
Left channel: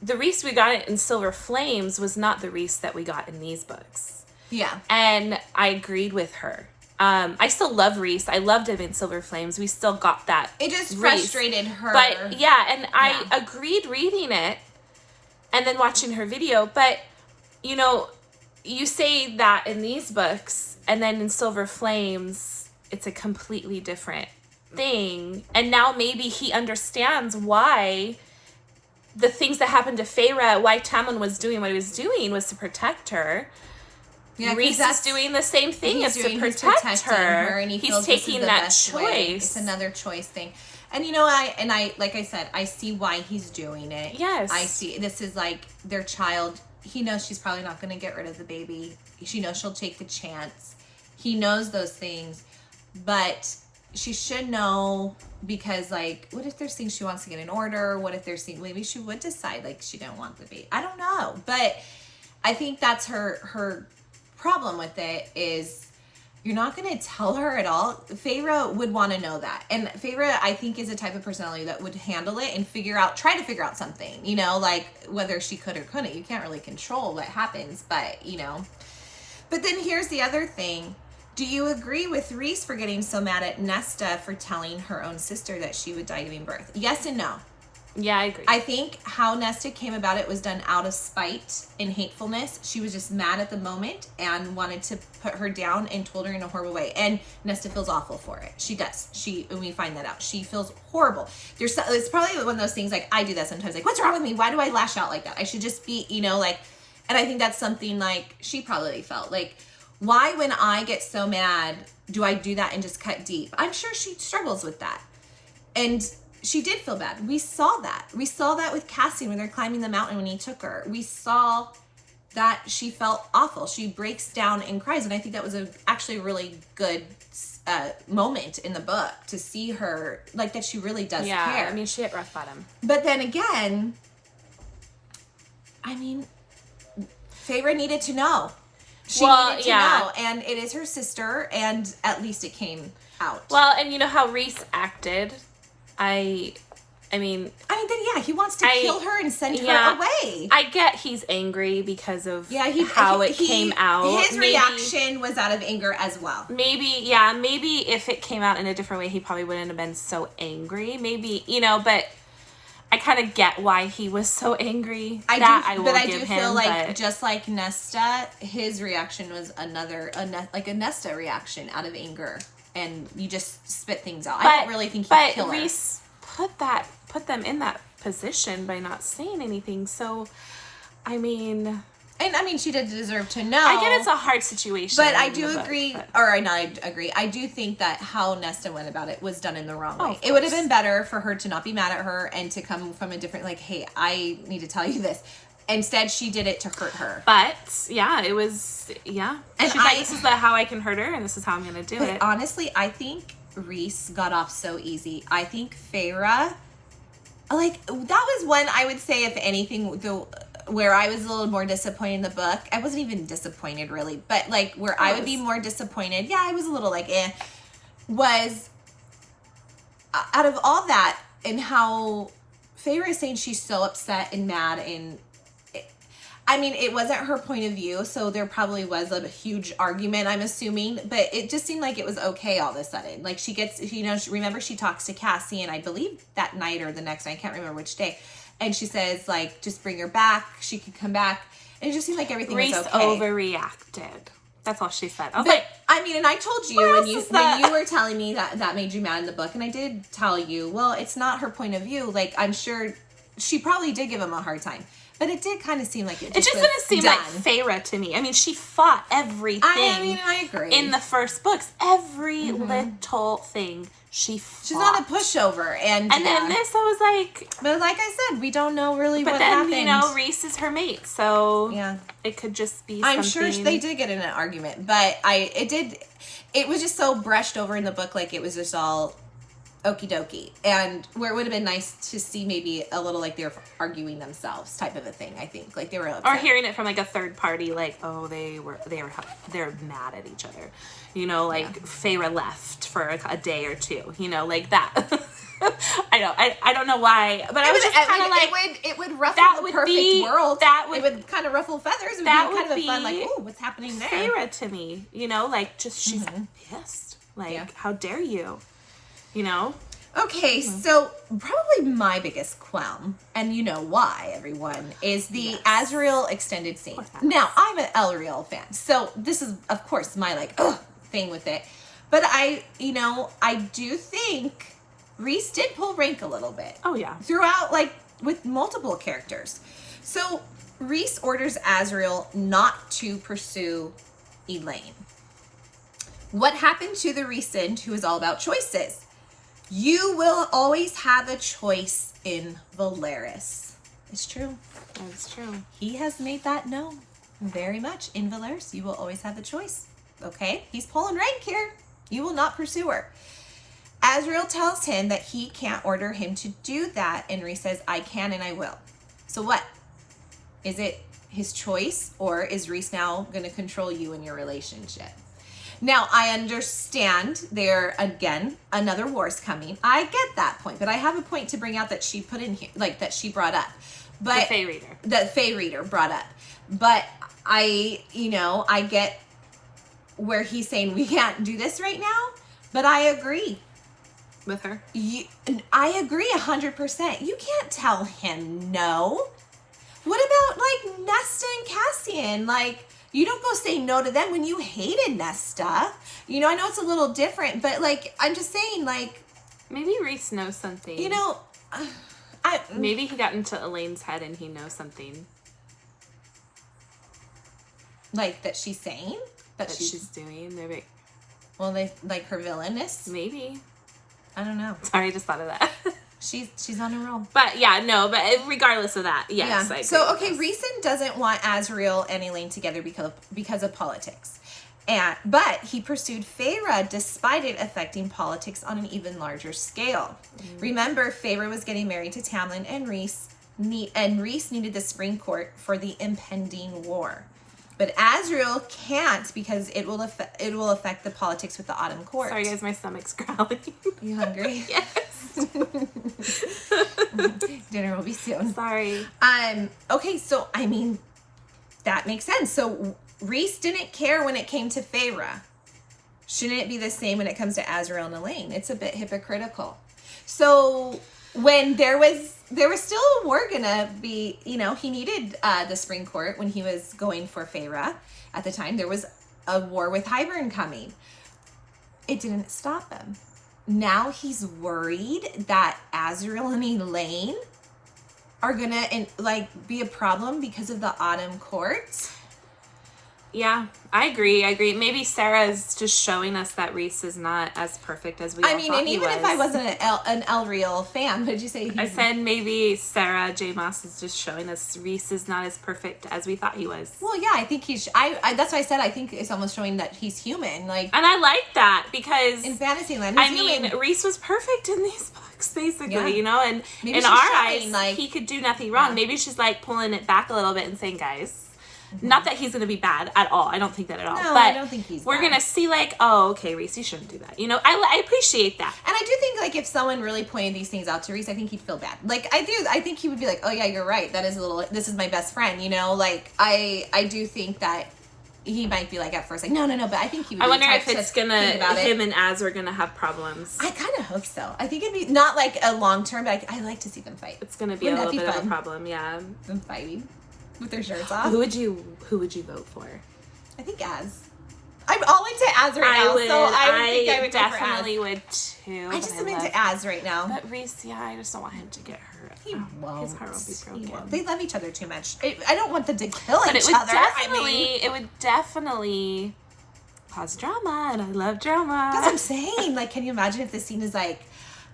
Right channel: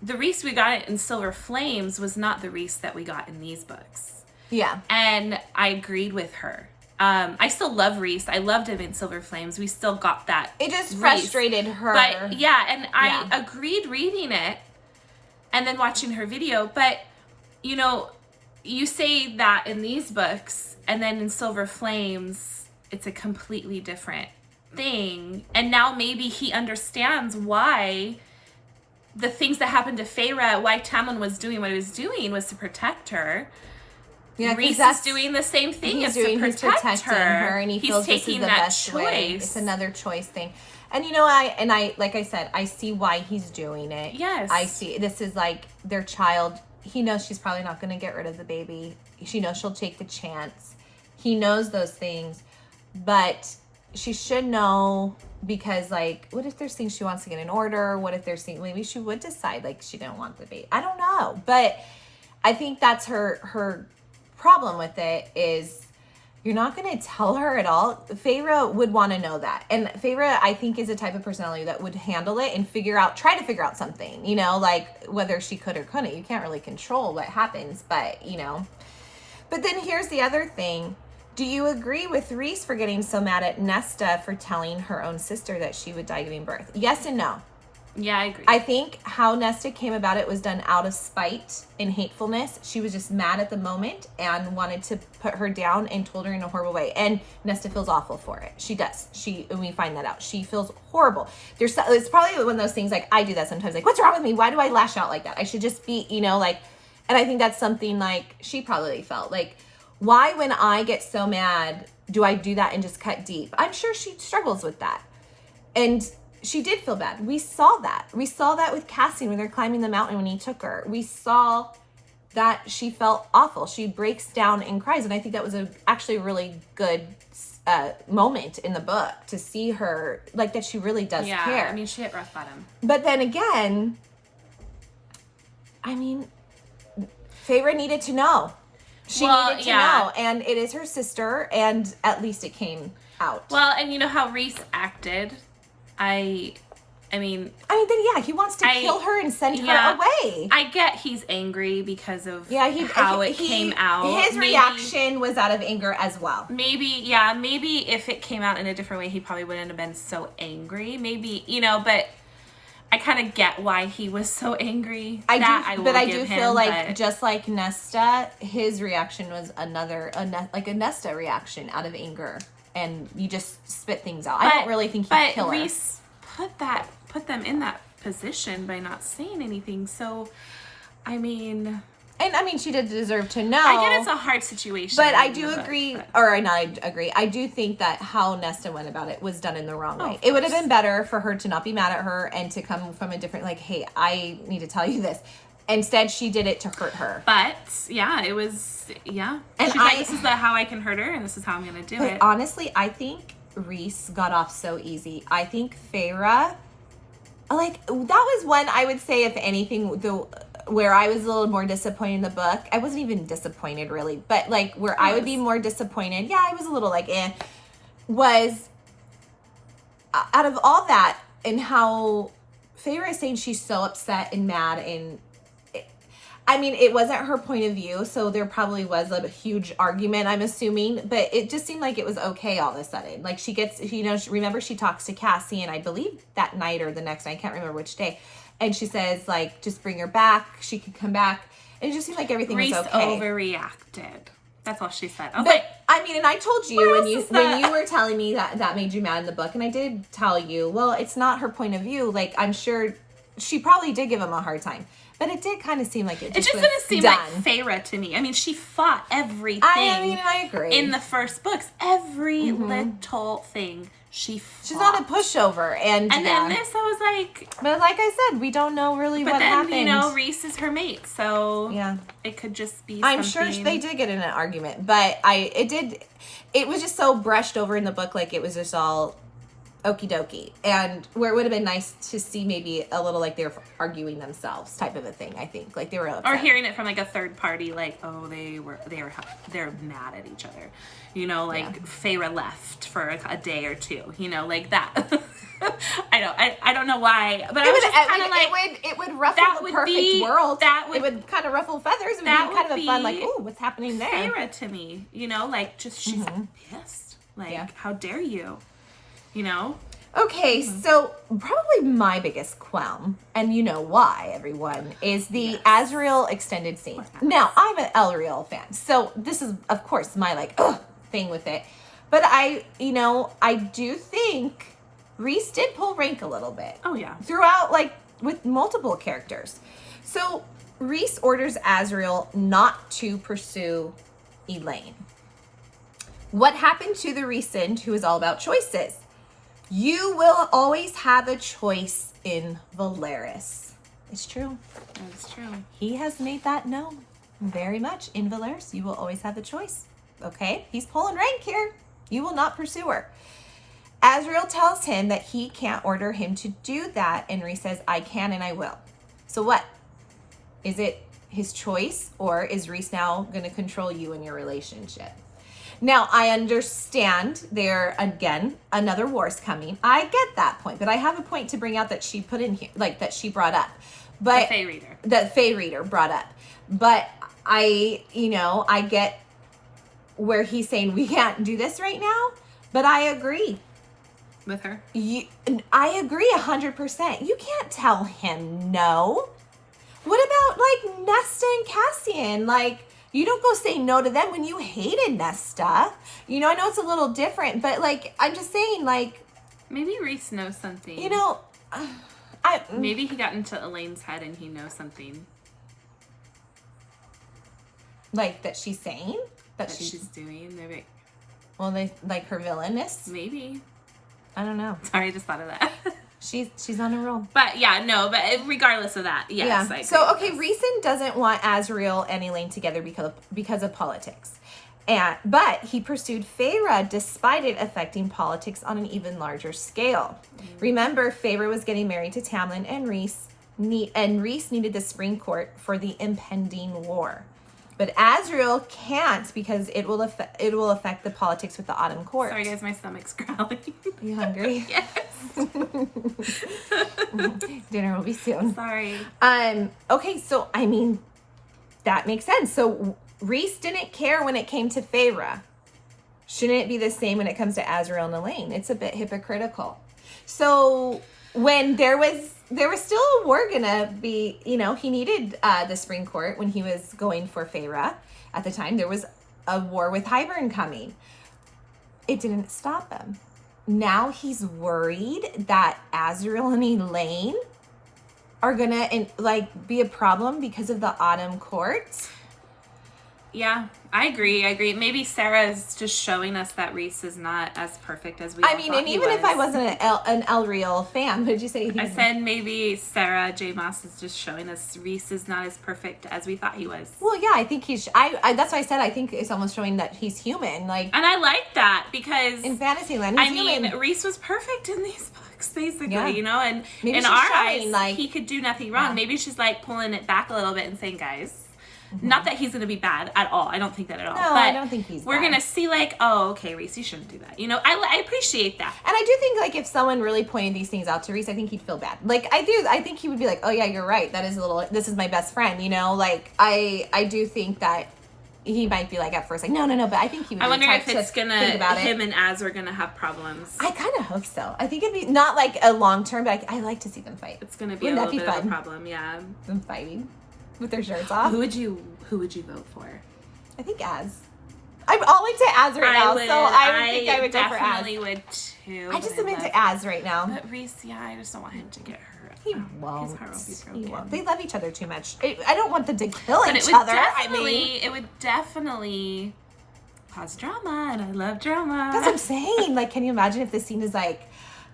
the Rhys we got in Silver Flames was not the Rhys that we got in these books. Yeah. And I agreed with her. I still love Rhys. I loved him in Silver Flames. We still got that. It just frustrated her. But yeah, and I agreed reading it and then watching her video. But, you know, you say that in these books, and then in Silver Flames, it's a completely different thing. And now maybe he understands why the things that happened to Feyre, why Tamlin was doing what he was doing, was to protect her. Yeah, Rhys is doing the same thing as to protect her, and he's taking that choice. It's another choice thing. And you know, I like I said, I see why he's doing it. Yes. I see. This is like their child. He knows she's probably not going to get rid of the baby. She knows she'll take the chance. He knows those things. But she should know, because, like, what if there's things she wants to get in order? What if there's things, maybe she would decide, like, she don't want the baby. I don't know. But I think that's her problem with it, is you're not going to tell her at all. Feyre would want to know that. And Feyre, I think, is a type of personality that would handle it and try to figure out something, you know, like whether she could or couldn't. You can't really control what happens, but, you know. But then here's the other thing. Do you agree with Rhys for getting so mad at Nesta for telling her own sister that she would die giving birth? Yes and no. Yeah, I agree. I think how Nesta came about it was done out of spite and hatefulness. She was just mad at the moment and wanted to put her down and told her in a horrible way. And Nesta feels awful for it. She does. And we find that out. She feels horrible. It's probably one of those things, like, I do that sometimes. Like, what's wrong with me? Why do I lash out like that? I should just be, you know, like, and I think that's something like she probably felt. Like, why, when I get so mad, do I do that and just cut deep? I'm sure she struggles with that. And she did feel bad. We saw that. We saw that with Cassian when they're climbing the mountain when he took her. We saw that she felt awful. She breaks down and cries. And I think that was actually a really good moment in the book to see her, like, that she really does care. Yeah, I mean, she hit rock bottom. But then again, I mean, Feyre needed to know. She needed to know. And it is her sister, and at least it came out. Well, and you know how Rhys acted? I mean, then yeah, he wants to kill her and send her away. I get he's angry because of how it came out. His reaction was out of anger as well. Maybe if it came out in a different way, he probably wouldn't have been so angry. Maybe, you know, but I kind of get why he was so angry. I do feel like, just like Nesta, his reaction was a Nesta reaction out of anger. And you just spit things out. I don't really think he'd kill her. But Rhys put them in that position by not saying anything. So, I mean... And, I mean, she did deserve to know. I get it's a hard situation. But I do agree, I agree. I do think that how Nesta went about it was done in the wrong way. It would have been better for her to not be mad at her and to come from a different, like, hey, I need to tell you this. Instead, she did it to hurt her. But, yeah, it was, yeah. And she's like, this is how I can hurt her, and this is how I'm going to do it. Honestly, I think Rhys got off so easy. I think Feyre, like, that was one, I would say, if anything, where I was a little more disappointed in the book. I wasn't even disappointed, really. But, like, where I would be more disappointed, I was a little, like, was, out of all that, and how Feyre is saying she's so upset and mad, and I mean, it wasn't her point of view, so there probably was a huge argument, I'm assuming, but it just seemed like it was okay all of a sudden. Like, she gets, you know, remember she talks to Cassian, I believe that night or the next night, I can't remember which day, and she says, like, just bring her back, she could come back, and it just seemed like everything was okay. Rhys overreacted. That's all she said. I mean, and I told you when you were telling me that made you mad in the book, and I did tell you, well, it's not her point of view. Like, I'm sure she probably did give him a hard time. But it did kind of seem like it just didn't seem like Feyre to me. I mean, she fought everything I agree. in the first books. Every little thing she fought. She's not a pushover. And then this, I was like... But like I said, we don't know really what happened. But then, Rhys is her mate, so it could just be something... I'm sure they did get in an argument, but it was just so brushed over in the book, like it was just all... okie dokie, and where it would have been nice to see maybe a little like they were arguing themselves type of a thing. I think like they were upset. Or hearing it from like a third party, like they're mad at each other, like Feyre left for a day or two, like that. I don't know why, but I was just kind of like it would ruffle the perfect world. It would kind of ruffle feathers. It would be kind of a fun like, oh, what's happening there? Feyre to me, like just she's pissed, like how dare you. Okay, so probably my biggest qualm, and you know why, everyone, is the Azriel extended scene. Now, I'm an Azriel fan, so this is, of course, my, thing with it. But I do think Rhys did pull rank a little bit. Oh, yeah. Throughout, with multiple characters. So, Rhys orders Azriel not to pursue Elaine. What happened to the Rhysand, who is all about choices? You will always have a choice in Velaris. It's true. That's true. He has made that known very much. In Velaris, you will always have a choice. Okay? He's pulling rank here. You will not pursue her. Azriel tells him that he can't order him to do that, and Rhys says, I can and I will. So what? Is it his choice, or is Rhys now going to control you in your relationship? Now, I understand there, again, another war's coming. I get that point, but I have a point to bring out that she put in here, that she brought up. But the Fae Reader. That Fae Reader brought up. But I get where he's saying we can't do this right now, but I agree. With her? I agree 100%. You can't tell him no. What about, Nesta and Cassian? You don't go say no to them when you hated Nesta. I know it's a little different, but, I'm just saying, maybe Rhys knows something. Maybe he got into Elaine's head and he knows something. That she's saying? That she's doing? Maybe. Well, her villainous? Maybe. I don't know. Sorry, I just thought of that. She's on a roll. But but regardless of that, yes. Yeah. I so Rhysand doesn't want Azriel and Elaine together because of politics, but he pursued Feyre despite it affecting politics on an even larger scale. Remember, Feyre was getting married to Tamlin, and Rhys needed the Spring Court for the impending war. But Azriel can't because it will affect the politics with the Autumn Court. Sorry, guys, my stomach's growling. Are you hungry? Yes. Dinner will be soon. Sorry. Okay, so that makes sense. So Rhys didn't care when it came to Feyre. Shouldn't it be the same when it comes to Azriel and Elaine? It's a bit hypocritical. So when there was still a war gonna be, he needed the Spring Court when he was going for Feyre. At the time, there was a war with Hybern coming. It didn't stop him. Now he's worried that Azriel and Elaine are gonna be a problem because of the Autumn Court. Yeah, I agree. Maybe Sarah's just showing us that Rhys is not as perfect as we all thought he was. And even if I wasn't an Azriel fan, what did you say? I said maybe Sarah J. Maas is just showing us Rhys is not as perfect as we thought he was. Well, yeah, I think he's... that's why I said I think it's almost showing that he's human. And I like that because... In Fantasyland, he's human. Rhys was perfect in these books, basically, and maybe in our eyes, he could do nothing wrong. Yeah. Maybe she's pulling it back a little bit and saying, guys... Not that he's going to be bad at all. I don't think that at all. No, but I don't think he's we're going to see okay, Rhys, you shouldn't do that. I appreciate that. And I do think if someone really pointed these things out to Rhys, I think he'd feel bad. I think he would be oh yeah, you're right. That is this is my best friend, I do think that he might be at first no, but I think he would be I wonder if it's going to, him and Az are going to have problems. I kind of hope so. I think it'd be not a long term, but I like to see them fight. It's going to be a little bit of a problem, yeah. Them fighting. With their shirts off. Who would you vote for? I think Az. I'm all into Az right now, so I think I would go for Az. definitely would too. I just am into Az right now. But Rhys, yeah, I just don't want him to get hurt. He won't. His heart will be broken. He won't. They love each other too much. I don't want them to kill each other. It would definitely cause drama, and I love drama. That's what I'm saying. Like, can you imagine if the scene is like,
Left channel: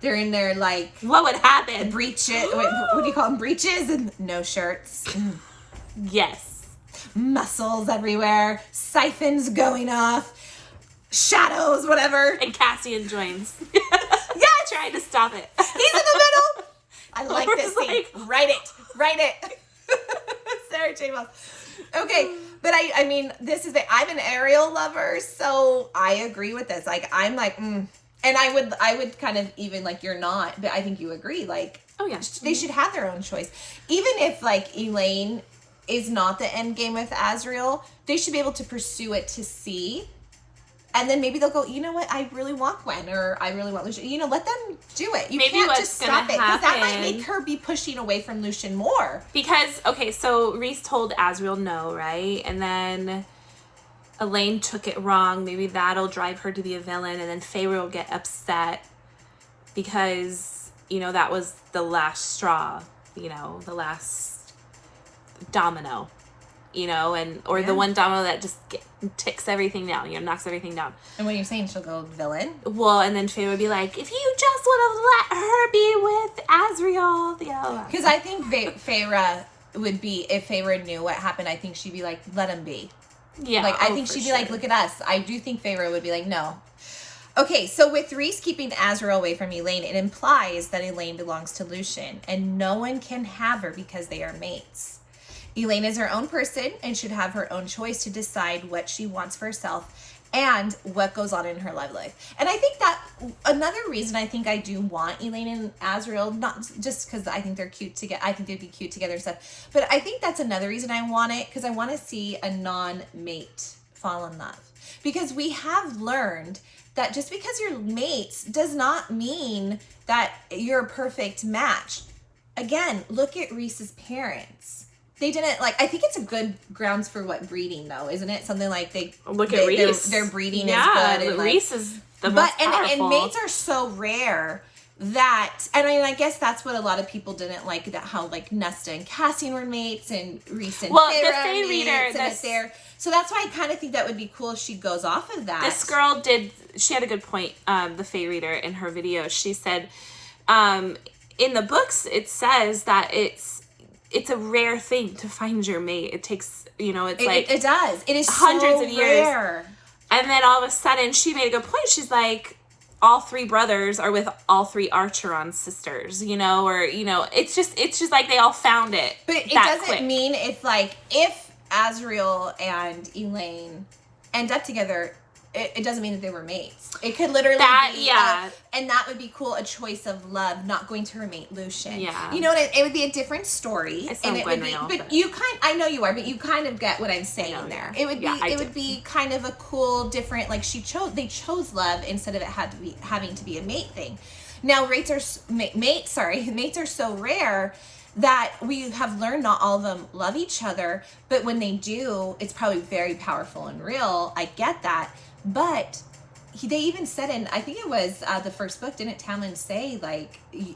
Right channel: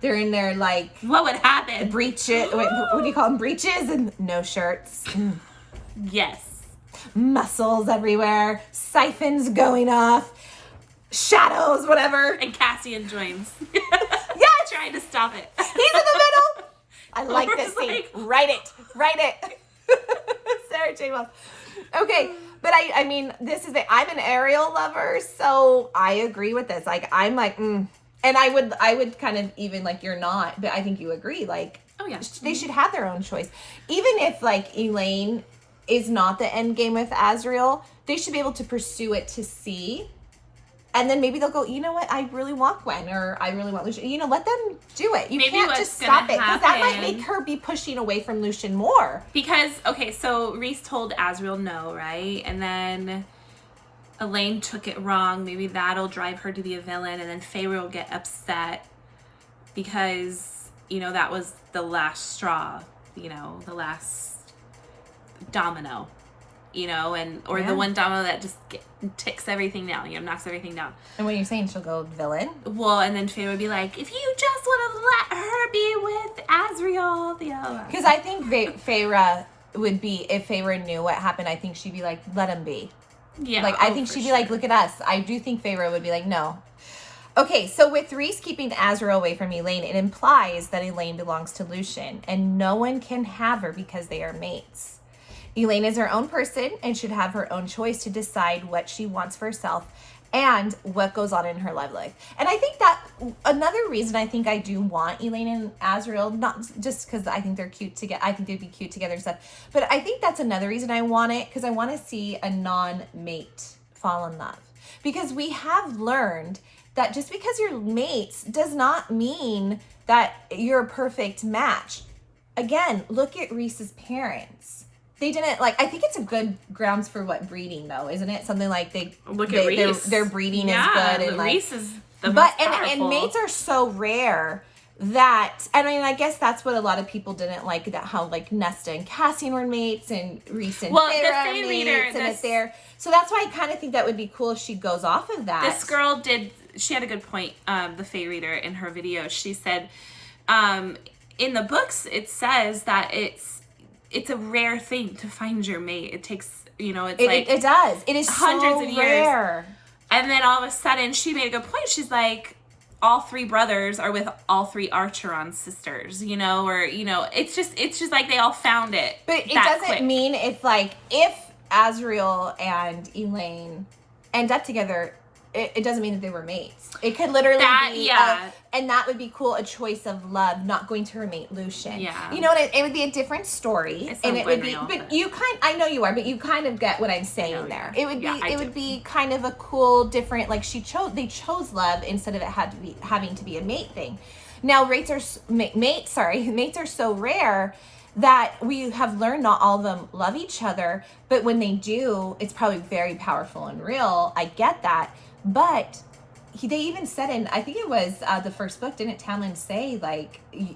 they're in their, like... What would happen? Breeches. What do you call them? Breeches and no shirts. Yes. Muscles everywhere. Siphons going off. Shadows, whatever. And Cassian joins. Yes! Trying to stop it. He's in the middle. I like this scene. Like... Write it. Sarah J. Maas. Okay, but I mean, this is I'm an Azriel lover, so I agree with this. Like, I'm like, And I would kind of even, like, you're not, but I think you agree. Like, oh yeah, they should have their own choice. Even if, like, Elaine is not the end game with Azriel, they should be able to pursue it to see. And then maybe they'll go, you know what, I really want Gwen, or I really want Lucien. You know, let them do it. You maybe can't what's just stop it, because that might happen, make her be pushing away from Lucien more. Because, okay, so Rhys told Azriel no, right? And then Elaine took it wrong. Maybe that'll drive her to be a villain, and then Feyre will get upset because, you know, that was the last straw, you know, the last domino, you know, or the one domino that just ticks everything down, you know, knocks everything down. And when you're saying she'll go villain? Well, and then Feyre would be like, if you just would have let her be with Azriel, you know. Because I think Feyre would be, if Feyre knew what happened, I think she'd be like, let him be. Yeah. Like, I think she'd be like, look at us. I do think Feyre would be like, no. Okay, so with Rhys keeping Azriel away from Elaine, it implies that Elaine belongs to Lucien, and no one can have her because they are mates. Elaine is her own person and should have her own choice to decide what she wants for herself and what goes on in her love life. And I think that another reason I think I do want Elaine and Azriel, not just because I think they're cute together, I think they'd be cute together and stuff, but I think that's another reason I want it, because I want to see a non-mate fall in love. Because we have learned that just because you're mates does not mean that you're a perfect match. Again, look at Rhys's parents. They didn't, like, I think it's a good grounds for breeding, though, isn't it? Something like look at Rhys. Their breeding is good. And Rhys is the most powerful. And mates are so rare that, and I guess that's what a lot of people didn't like, that how, like, Nesta and Cassian were mates, and Rhys and Feyre the Fae reader, so that's why I kind of think that would be cool if she goes off of that. This girl she had a good point, the Fae reader, in her video. She said, in the books, it says that it's a rare thing to find your mate. It takes, you know, it does. It is hundreds of years. Rare. And then all of a sudden, she made a good point. She's like, all three brothers are with all three Archeron sisters, you know, or, you know, it's just like they all found it. But it doesn't mean if Azriel and Elaine end up together, it doesn't mean that they were mates. It could literally be, and that would be cool, a choice of love, not going to her mate Lucien. Yeah. You know, it would be a different story. And it would be, but you I know you are, but you kind of get what I'm saying there. It would be kind of a cool, different, like they chose love instead of it having to be a mate thing. Now, mates are so rare that we have learned not all of them love each other, but when they do, it's probably very powerful and real. I get that. But they even said in, I think it was the first book, didn't Tamlin say, like,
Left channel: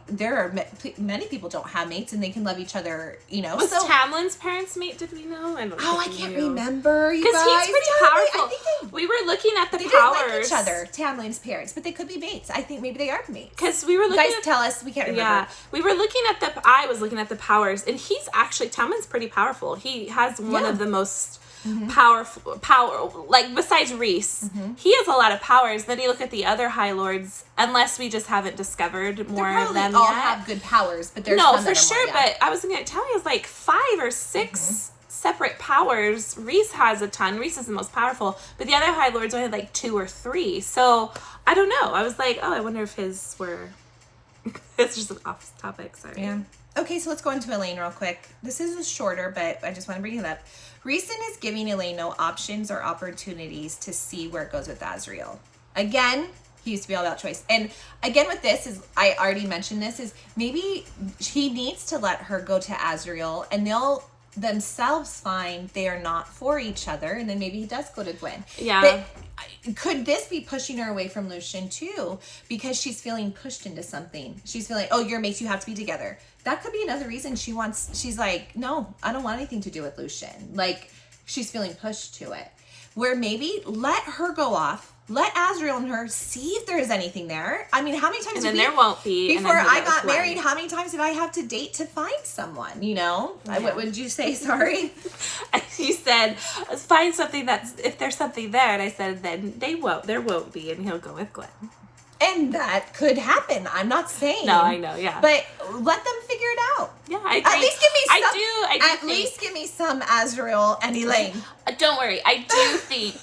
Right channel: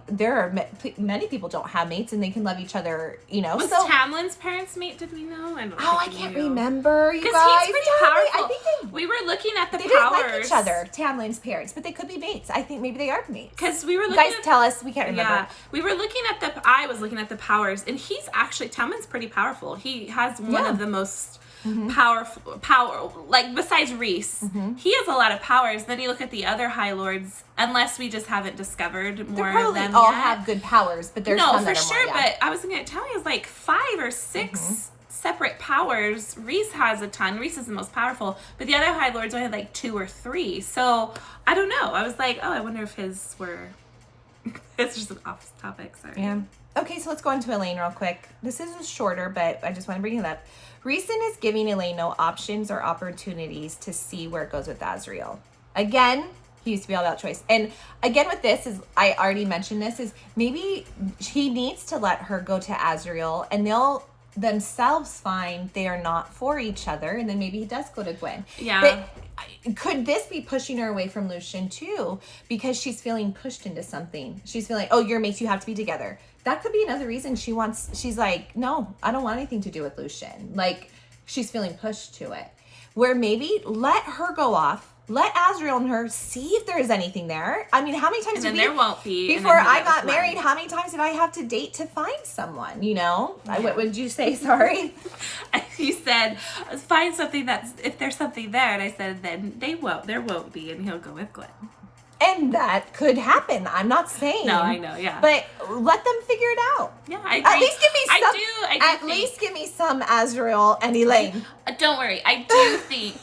there are many people don't have mates and they can love each other, you know? Was Tamlin's parents mate, did we know? I can't remember, you guys. Because he's pretty powerful. We were looking at the powers. They didn't like each other, Tamlin's parents, but they could be mates. I think maybe they are mates. Because we were looking guys, tell us, we can't remember. Yeah, we were looking at I was looking at the powers, and he's actually, Tamlin's pretty powerful. He has one of the most... power, like, besides Rhys, he has a lot of powers. Then you look at the other High Lords, unless we just haven't discovered more of them all yet. have good powers, but there's no, for sure. But I was going to tell you, it's like 5 or 6 separate powers. Rhys has a ton. Rhys is the most powerful, but the other High Lords only had like 2 or 3. So I don't know. I was like, oh, I wonder if his were. It's just an off topic. Sorry. Yeah. Okay, so let's go into Elaine real quick. This is shorter, but I just want to bring it up. Rhysand is giving Elaine no options or opportunities to see where it goes with Azriel. Again, he used to be all about choice. And again with this, is I already mentioned this, is maybe he needs to let her go to Azriel and they'll themselves find they are not for each other, and then maybe he does go to Gwen. Yeah. But could this be pushing her away from Lucien too? Because she's feeling pushed into something. She's feeling, oh, your mates, you have to be together. That could be another reason she's like, no, I don't want anything to do with Lucien. Like, she's feeling pushed to it. Where maybe let her go off. Let Azriel and her see if there's anything there. I mean, how many times and then there won't be. Before I got married, how many times did I have to date to find someone, you know? Yeah. What would you say? Sorry. You said, find something if there's something there. And I said, then there won't be. And he'll go with Glenn. And that could happen. I'm not saying. No, I know, yeah. But let them figure it out. Yeah, I agree. At least give me some. I do At least give me some Azriel and Elaine. Don't worry. I do think.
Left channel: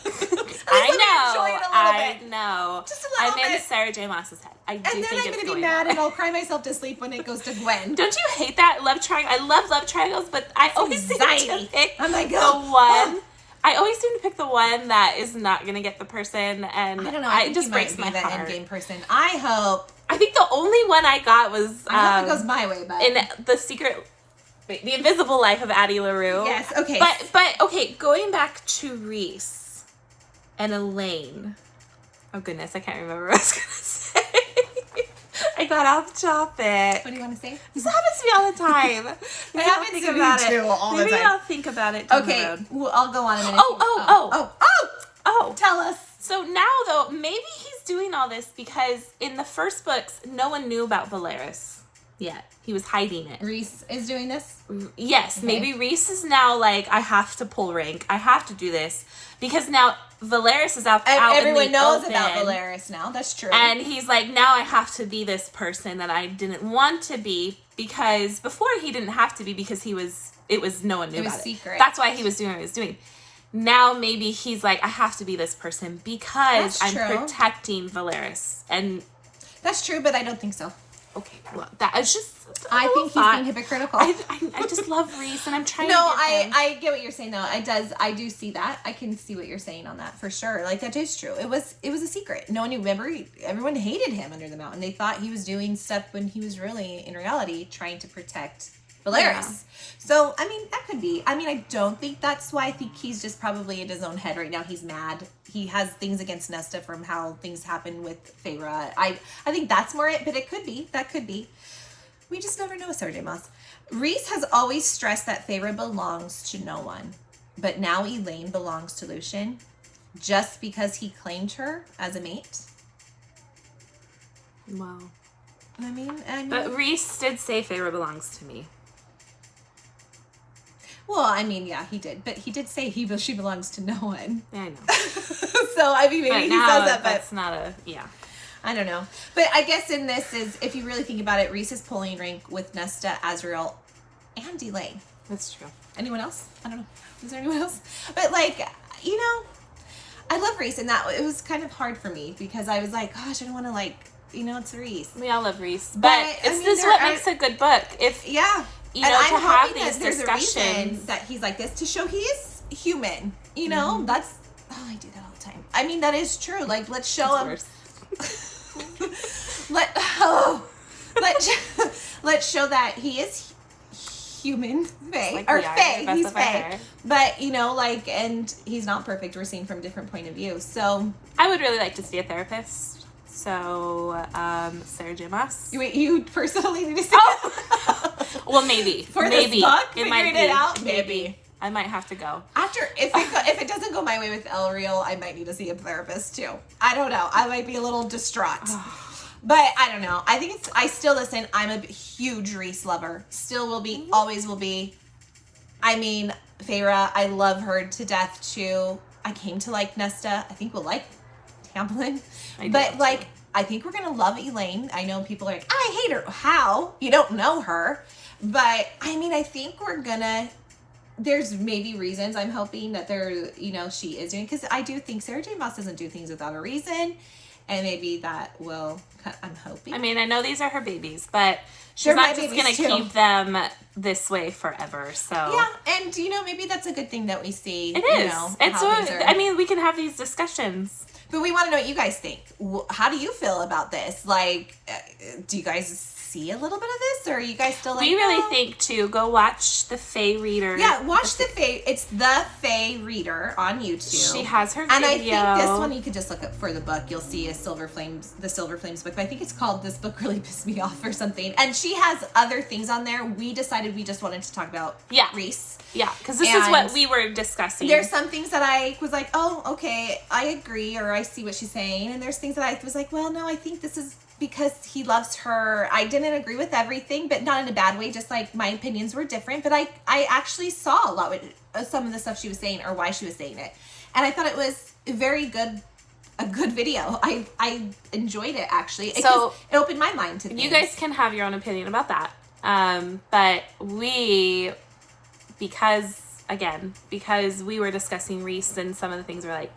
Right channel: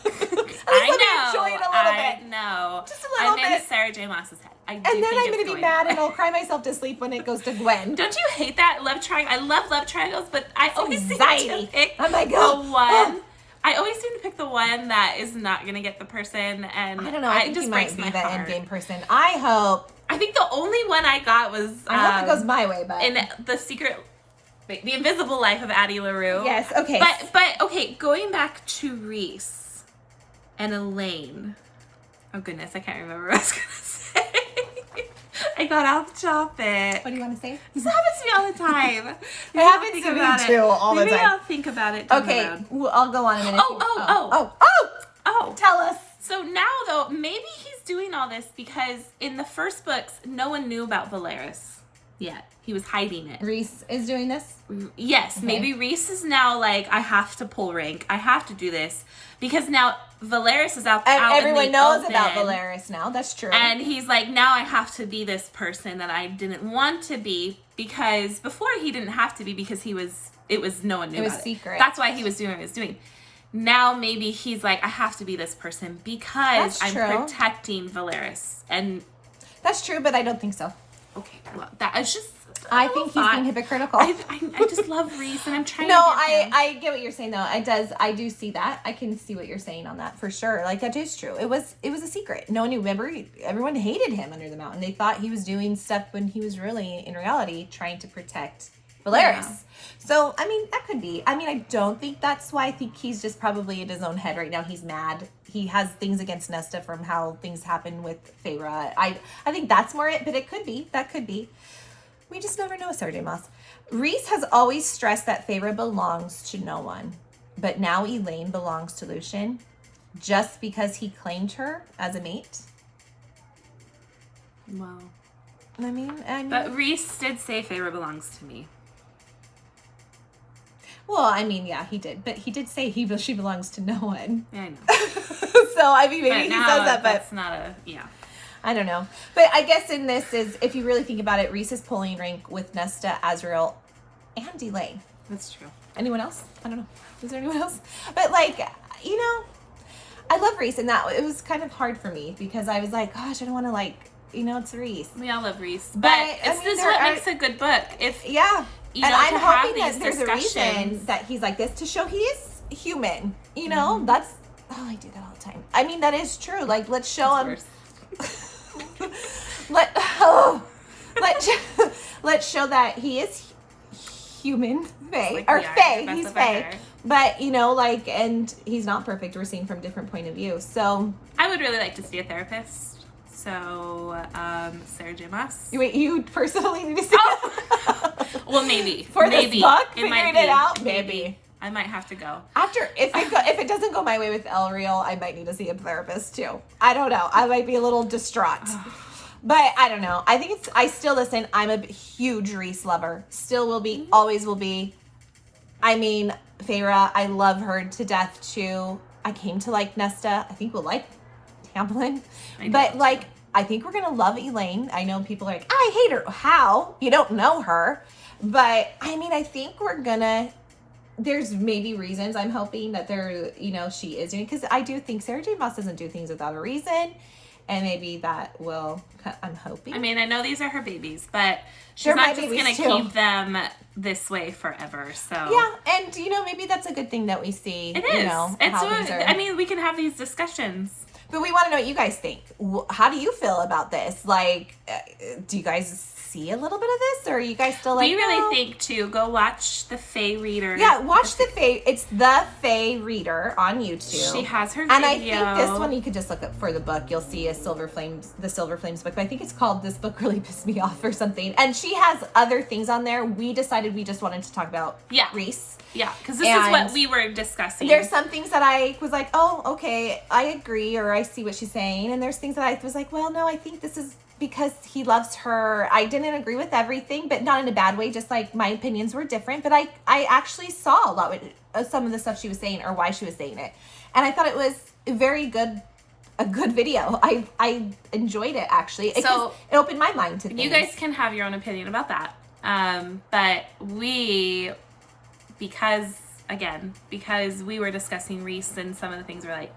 I know. Just a little I'm bit. in Sarah J. Maas's head. I do And then think I'm it's going to be mad that and I'll cry myself to sleep when it goes to Gwen. Don't you hate that love triangle? I love love triangles, but I always seem to pick I'm like, the one. I always seem to pick the one that is not going to get the person, and I don't know. I think just you breaks might my be that heart. endgame person. I hope. I think the only one I got was I hope it goes my way, but in the Invisible Life of Addie LaRue. Yes. Okay. But okay, going back to Rhys and Elaine. Oh goodness, I can't remember what I was gonna say. I got off topic. What do you want to say? This happens to me all the time. It happens to me too all the time. Maybe I'll think about it down the Okay. road. Well, I'll go on a minute. Oh. Tell us. So now, though, maybe he's doing all this because in the first books, no one knew about Valeris yet. He was hiding it. Rhys is doing this? Yes. Okay. Maybe Rhys is now like, I have to pull rank. I have to do this. Because now Valeris is out everyone in the knows open, about Valeris now. That's true. and he's like, now I have to be this person that I didn't want to be, because before he didn't have to be because it was no one knew about secret. it. That's why he was doing what he was doing. Now maybe he's like, I have to be this person because That's I'm true. protecting Valeris. And That's true, but I don't think so. okay, well, that is just I think he's being hypocritical. I just love Rhys, and I'm trying No, to get him. I get what you're saying though. I do see that. I can see what you're saying on that for sure. Like that is true. It was a secret. No one knew. Remember, everyone hated him under the mountain. They thought he was doing stuff when he was really, in reality, trying to protect Valeris. Yeah. So I mean, that could be. I mean, I don't think that's why. I think he's just probably in his own head right now. He's mad. He has things against Nesta from how things happened with Feyre. I think that's more it, but it could be. That could be. We just never know, Sarah J. Maas. Rhys has always stressed that Feyre belongs to no one. But now Elaine belongs to Lucien just because he claimed her as a mate. Well, I mean, but Rhys did say Feyre belongs to me. well, I mean, yeah, he did. But he did say she belongs to no one. Yeah, I know. So, I mean, maybe But he now says that, but that's not a, yeah. I don't know. But I guess in this is, if you really think about it, Rhys is pulling rank with Nesta, Azriel, and Elaine. That's true. Anyone else? I don't know. Is there anyone else? But like, you know, I love Rhys, and that it was kind of hard for me because I was like, gosh, I don't want to like, you know, it's Rhys. We all love Rhys, But, but I this mean, is there what are- makes a good book. If Yeah. you And know, I'm to have hoping these that there's a reason discussions. that he's like this to show he is human. You know, that's, oh, I do that all the time. I mean, that is true. Like, let's show him. Let's show that he is human, Faye, Like or we are, Faye. best He's of our Faye, hair. but you know, like, and he's not perfect. We're seeing from a different point of view. So, I would really like to see a therapist. So, Sarah J. Maas. wait, you personally need to see. Oh, well, maybe For this maybe book, it might figuring be. it out? Maybe Maybe. I might have to go. After, if it doesn't go my way with Elreal, I might need to see a therapist too. I don't know. I might be a little distraught. But I don't know. I think I still listen. I'm a huge Rhys lover. Still will be, always will be. I mean, Feyre, I love her to death too. I came to like Nesta. I think we'll like Tamlin. I do But too. like, I think we're going to love Elaine. I know people are like, I hate her. How? You don't know her. But I mean, I think we're going to, there's maybe reasons I'm hoping that she is doing, because I do think Sarah J. Maas doesn't do things without a reason. And maybe that will, I'm hoping. I mean, I know these are her babies, but she's They're my not just babies, going to too. keep them this way forever. So Yeah, and maybe that's a good thing that we see. it is. You know, It's how things are. I mean, we can have these discussions. But we want to know what you guys think. How do you feel about this? Like, do you guys see a little bit of this, or are you guys still like, we really no? think to go watch the Fae Reader. Yeah, watch the Fae. It's the Fae Reader on YouTube. She has her video. And I think this one you could just look up for the book. You'll see the Silver Flames book. But I think it's called This Book Really Pissed Me Off or something. And she has other things on there. We decided we just wanted to talk about Rhys. Yeah, because this is what we were discussing. There's some things that I was like, oh, okay, I agree, or I see what she's saying. And there's things that I was like, well, no, I think this is because he loves her. I didn't agree with everything, but not in a bad way. Just like my opinions were different. But I actually saw a lot with some of the stuff she was saying or why she was saying it. And I thought it was a good video. I enjoyed it, actually. It opened my mind to things. You guys can have your own opinion about that. But because we were discussing Rhys and some of the things were like,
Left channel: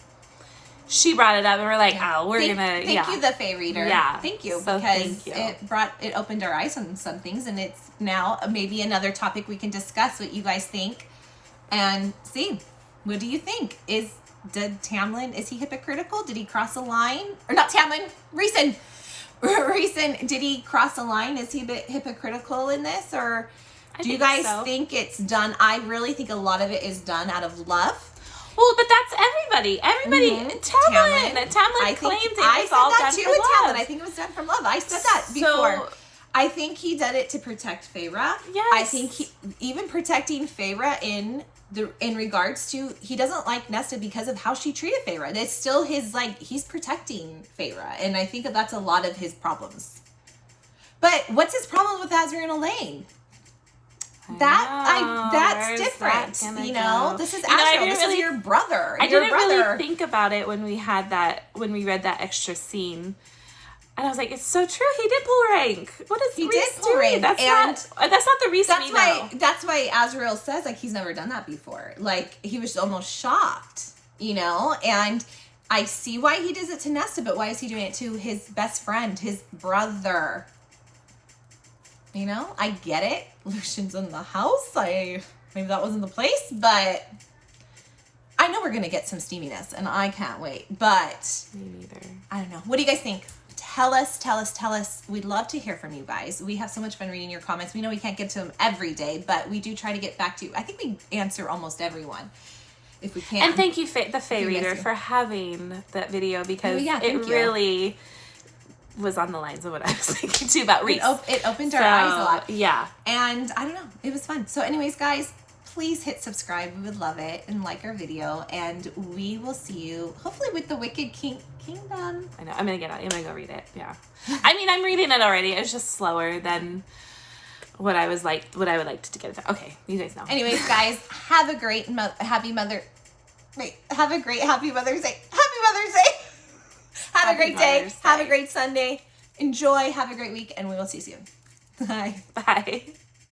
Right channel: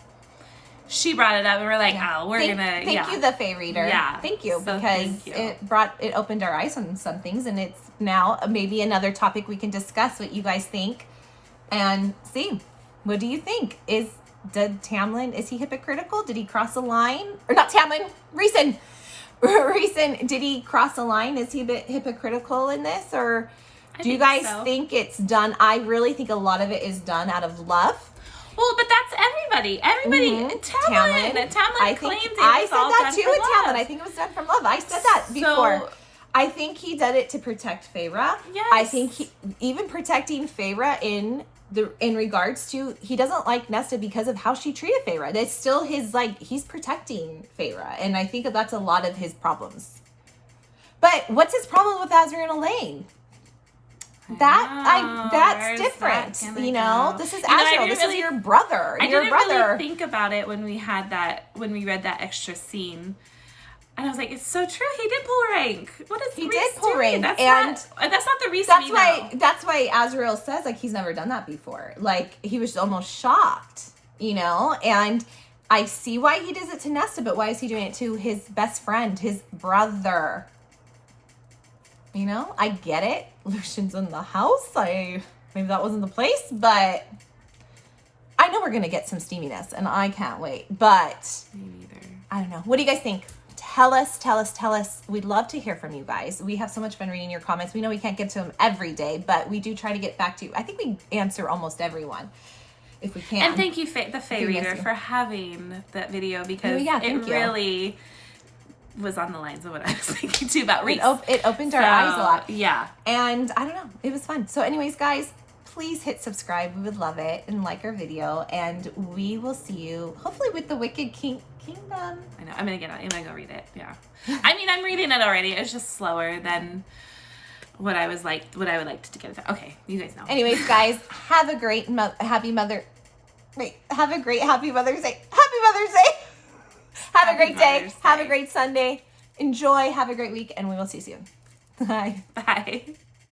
she brought it up and we're like, thank you, the Fae Reader. Yeah. Thank you. So because it opened our eyes on some things, and it's now maybe another topic we can discuss what you guys think and see. What do you think? Is he hypocritical? Did he cross a line? Or not Tamlin, Rhysand. Rhysand, did he cross a line? Is he a bit hypocritical in this, or do you guys think it's done? I really think a lot of it is done out of love. Well, but that's everybody. Tamlin claimed it was all done from love. I think it was done from love. I said that before. I think he did it to protect Feyre. Yes. I think he even protecting Feyre in regards to, he doesn't like Nesta because of how she treated Feyre. That's still his, like, he's protecting Feyre, and I think that's a lot of his problems. But what's his problem with Azriel and Elaine? That's different. This is Azriel. This is your brother. I didn't really think about it when we read that extra scene. And I was like, it's so true. He did pull rank. What is Rhys did pull rank. That's not the reason we know. That's why Azriel says, like, he's never done that before. Like, he was almost shocked, and I see why he does it to Nesta, but why is he doing it to his best friend, his brother? I get it. Lucian's in the house. Maybe that wasn't the place, but I know we're going to get some steaminess, and I can't wait. But me neither. I don't know. What do you guys think? Tell us. We'd love to hear from you guys. We have so much fun reading your comments. We know we can't get to them every day, but we do try to get back to you. I think we answer almost everyone if we can. And thank you, the Fae Reader, for having that video, because it really was on the lines of what I was thinking too about Rhys. It opened our eyes a lot. Yeah. And I don't know. It was fun. So anyways, guys, please hit subscribe. We would love it. And like our video. And we will see you hopefully with the Wicked Kingdom. I know. I'm going to go read it. Yeah. I mean, I'm reading it already. It's just slower than what I would like to get it done. Okay. You guys know. Anyways, guys, have a great happy Mother's Day. Happy Mother's Day. Have a great day. Have a great Sunday. Enjoy. Have a great week. And we will see you soon. Bye. Bye.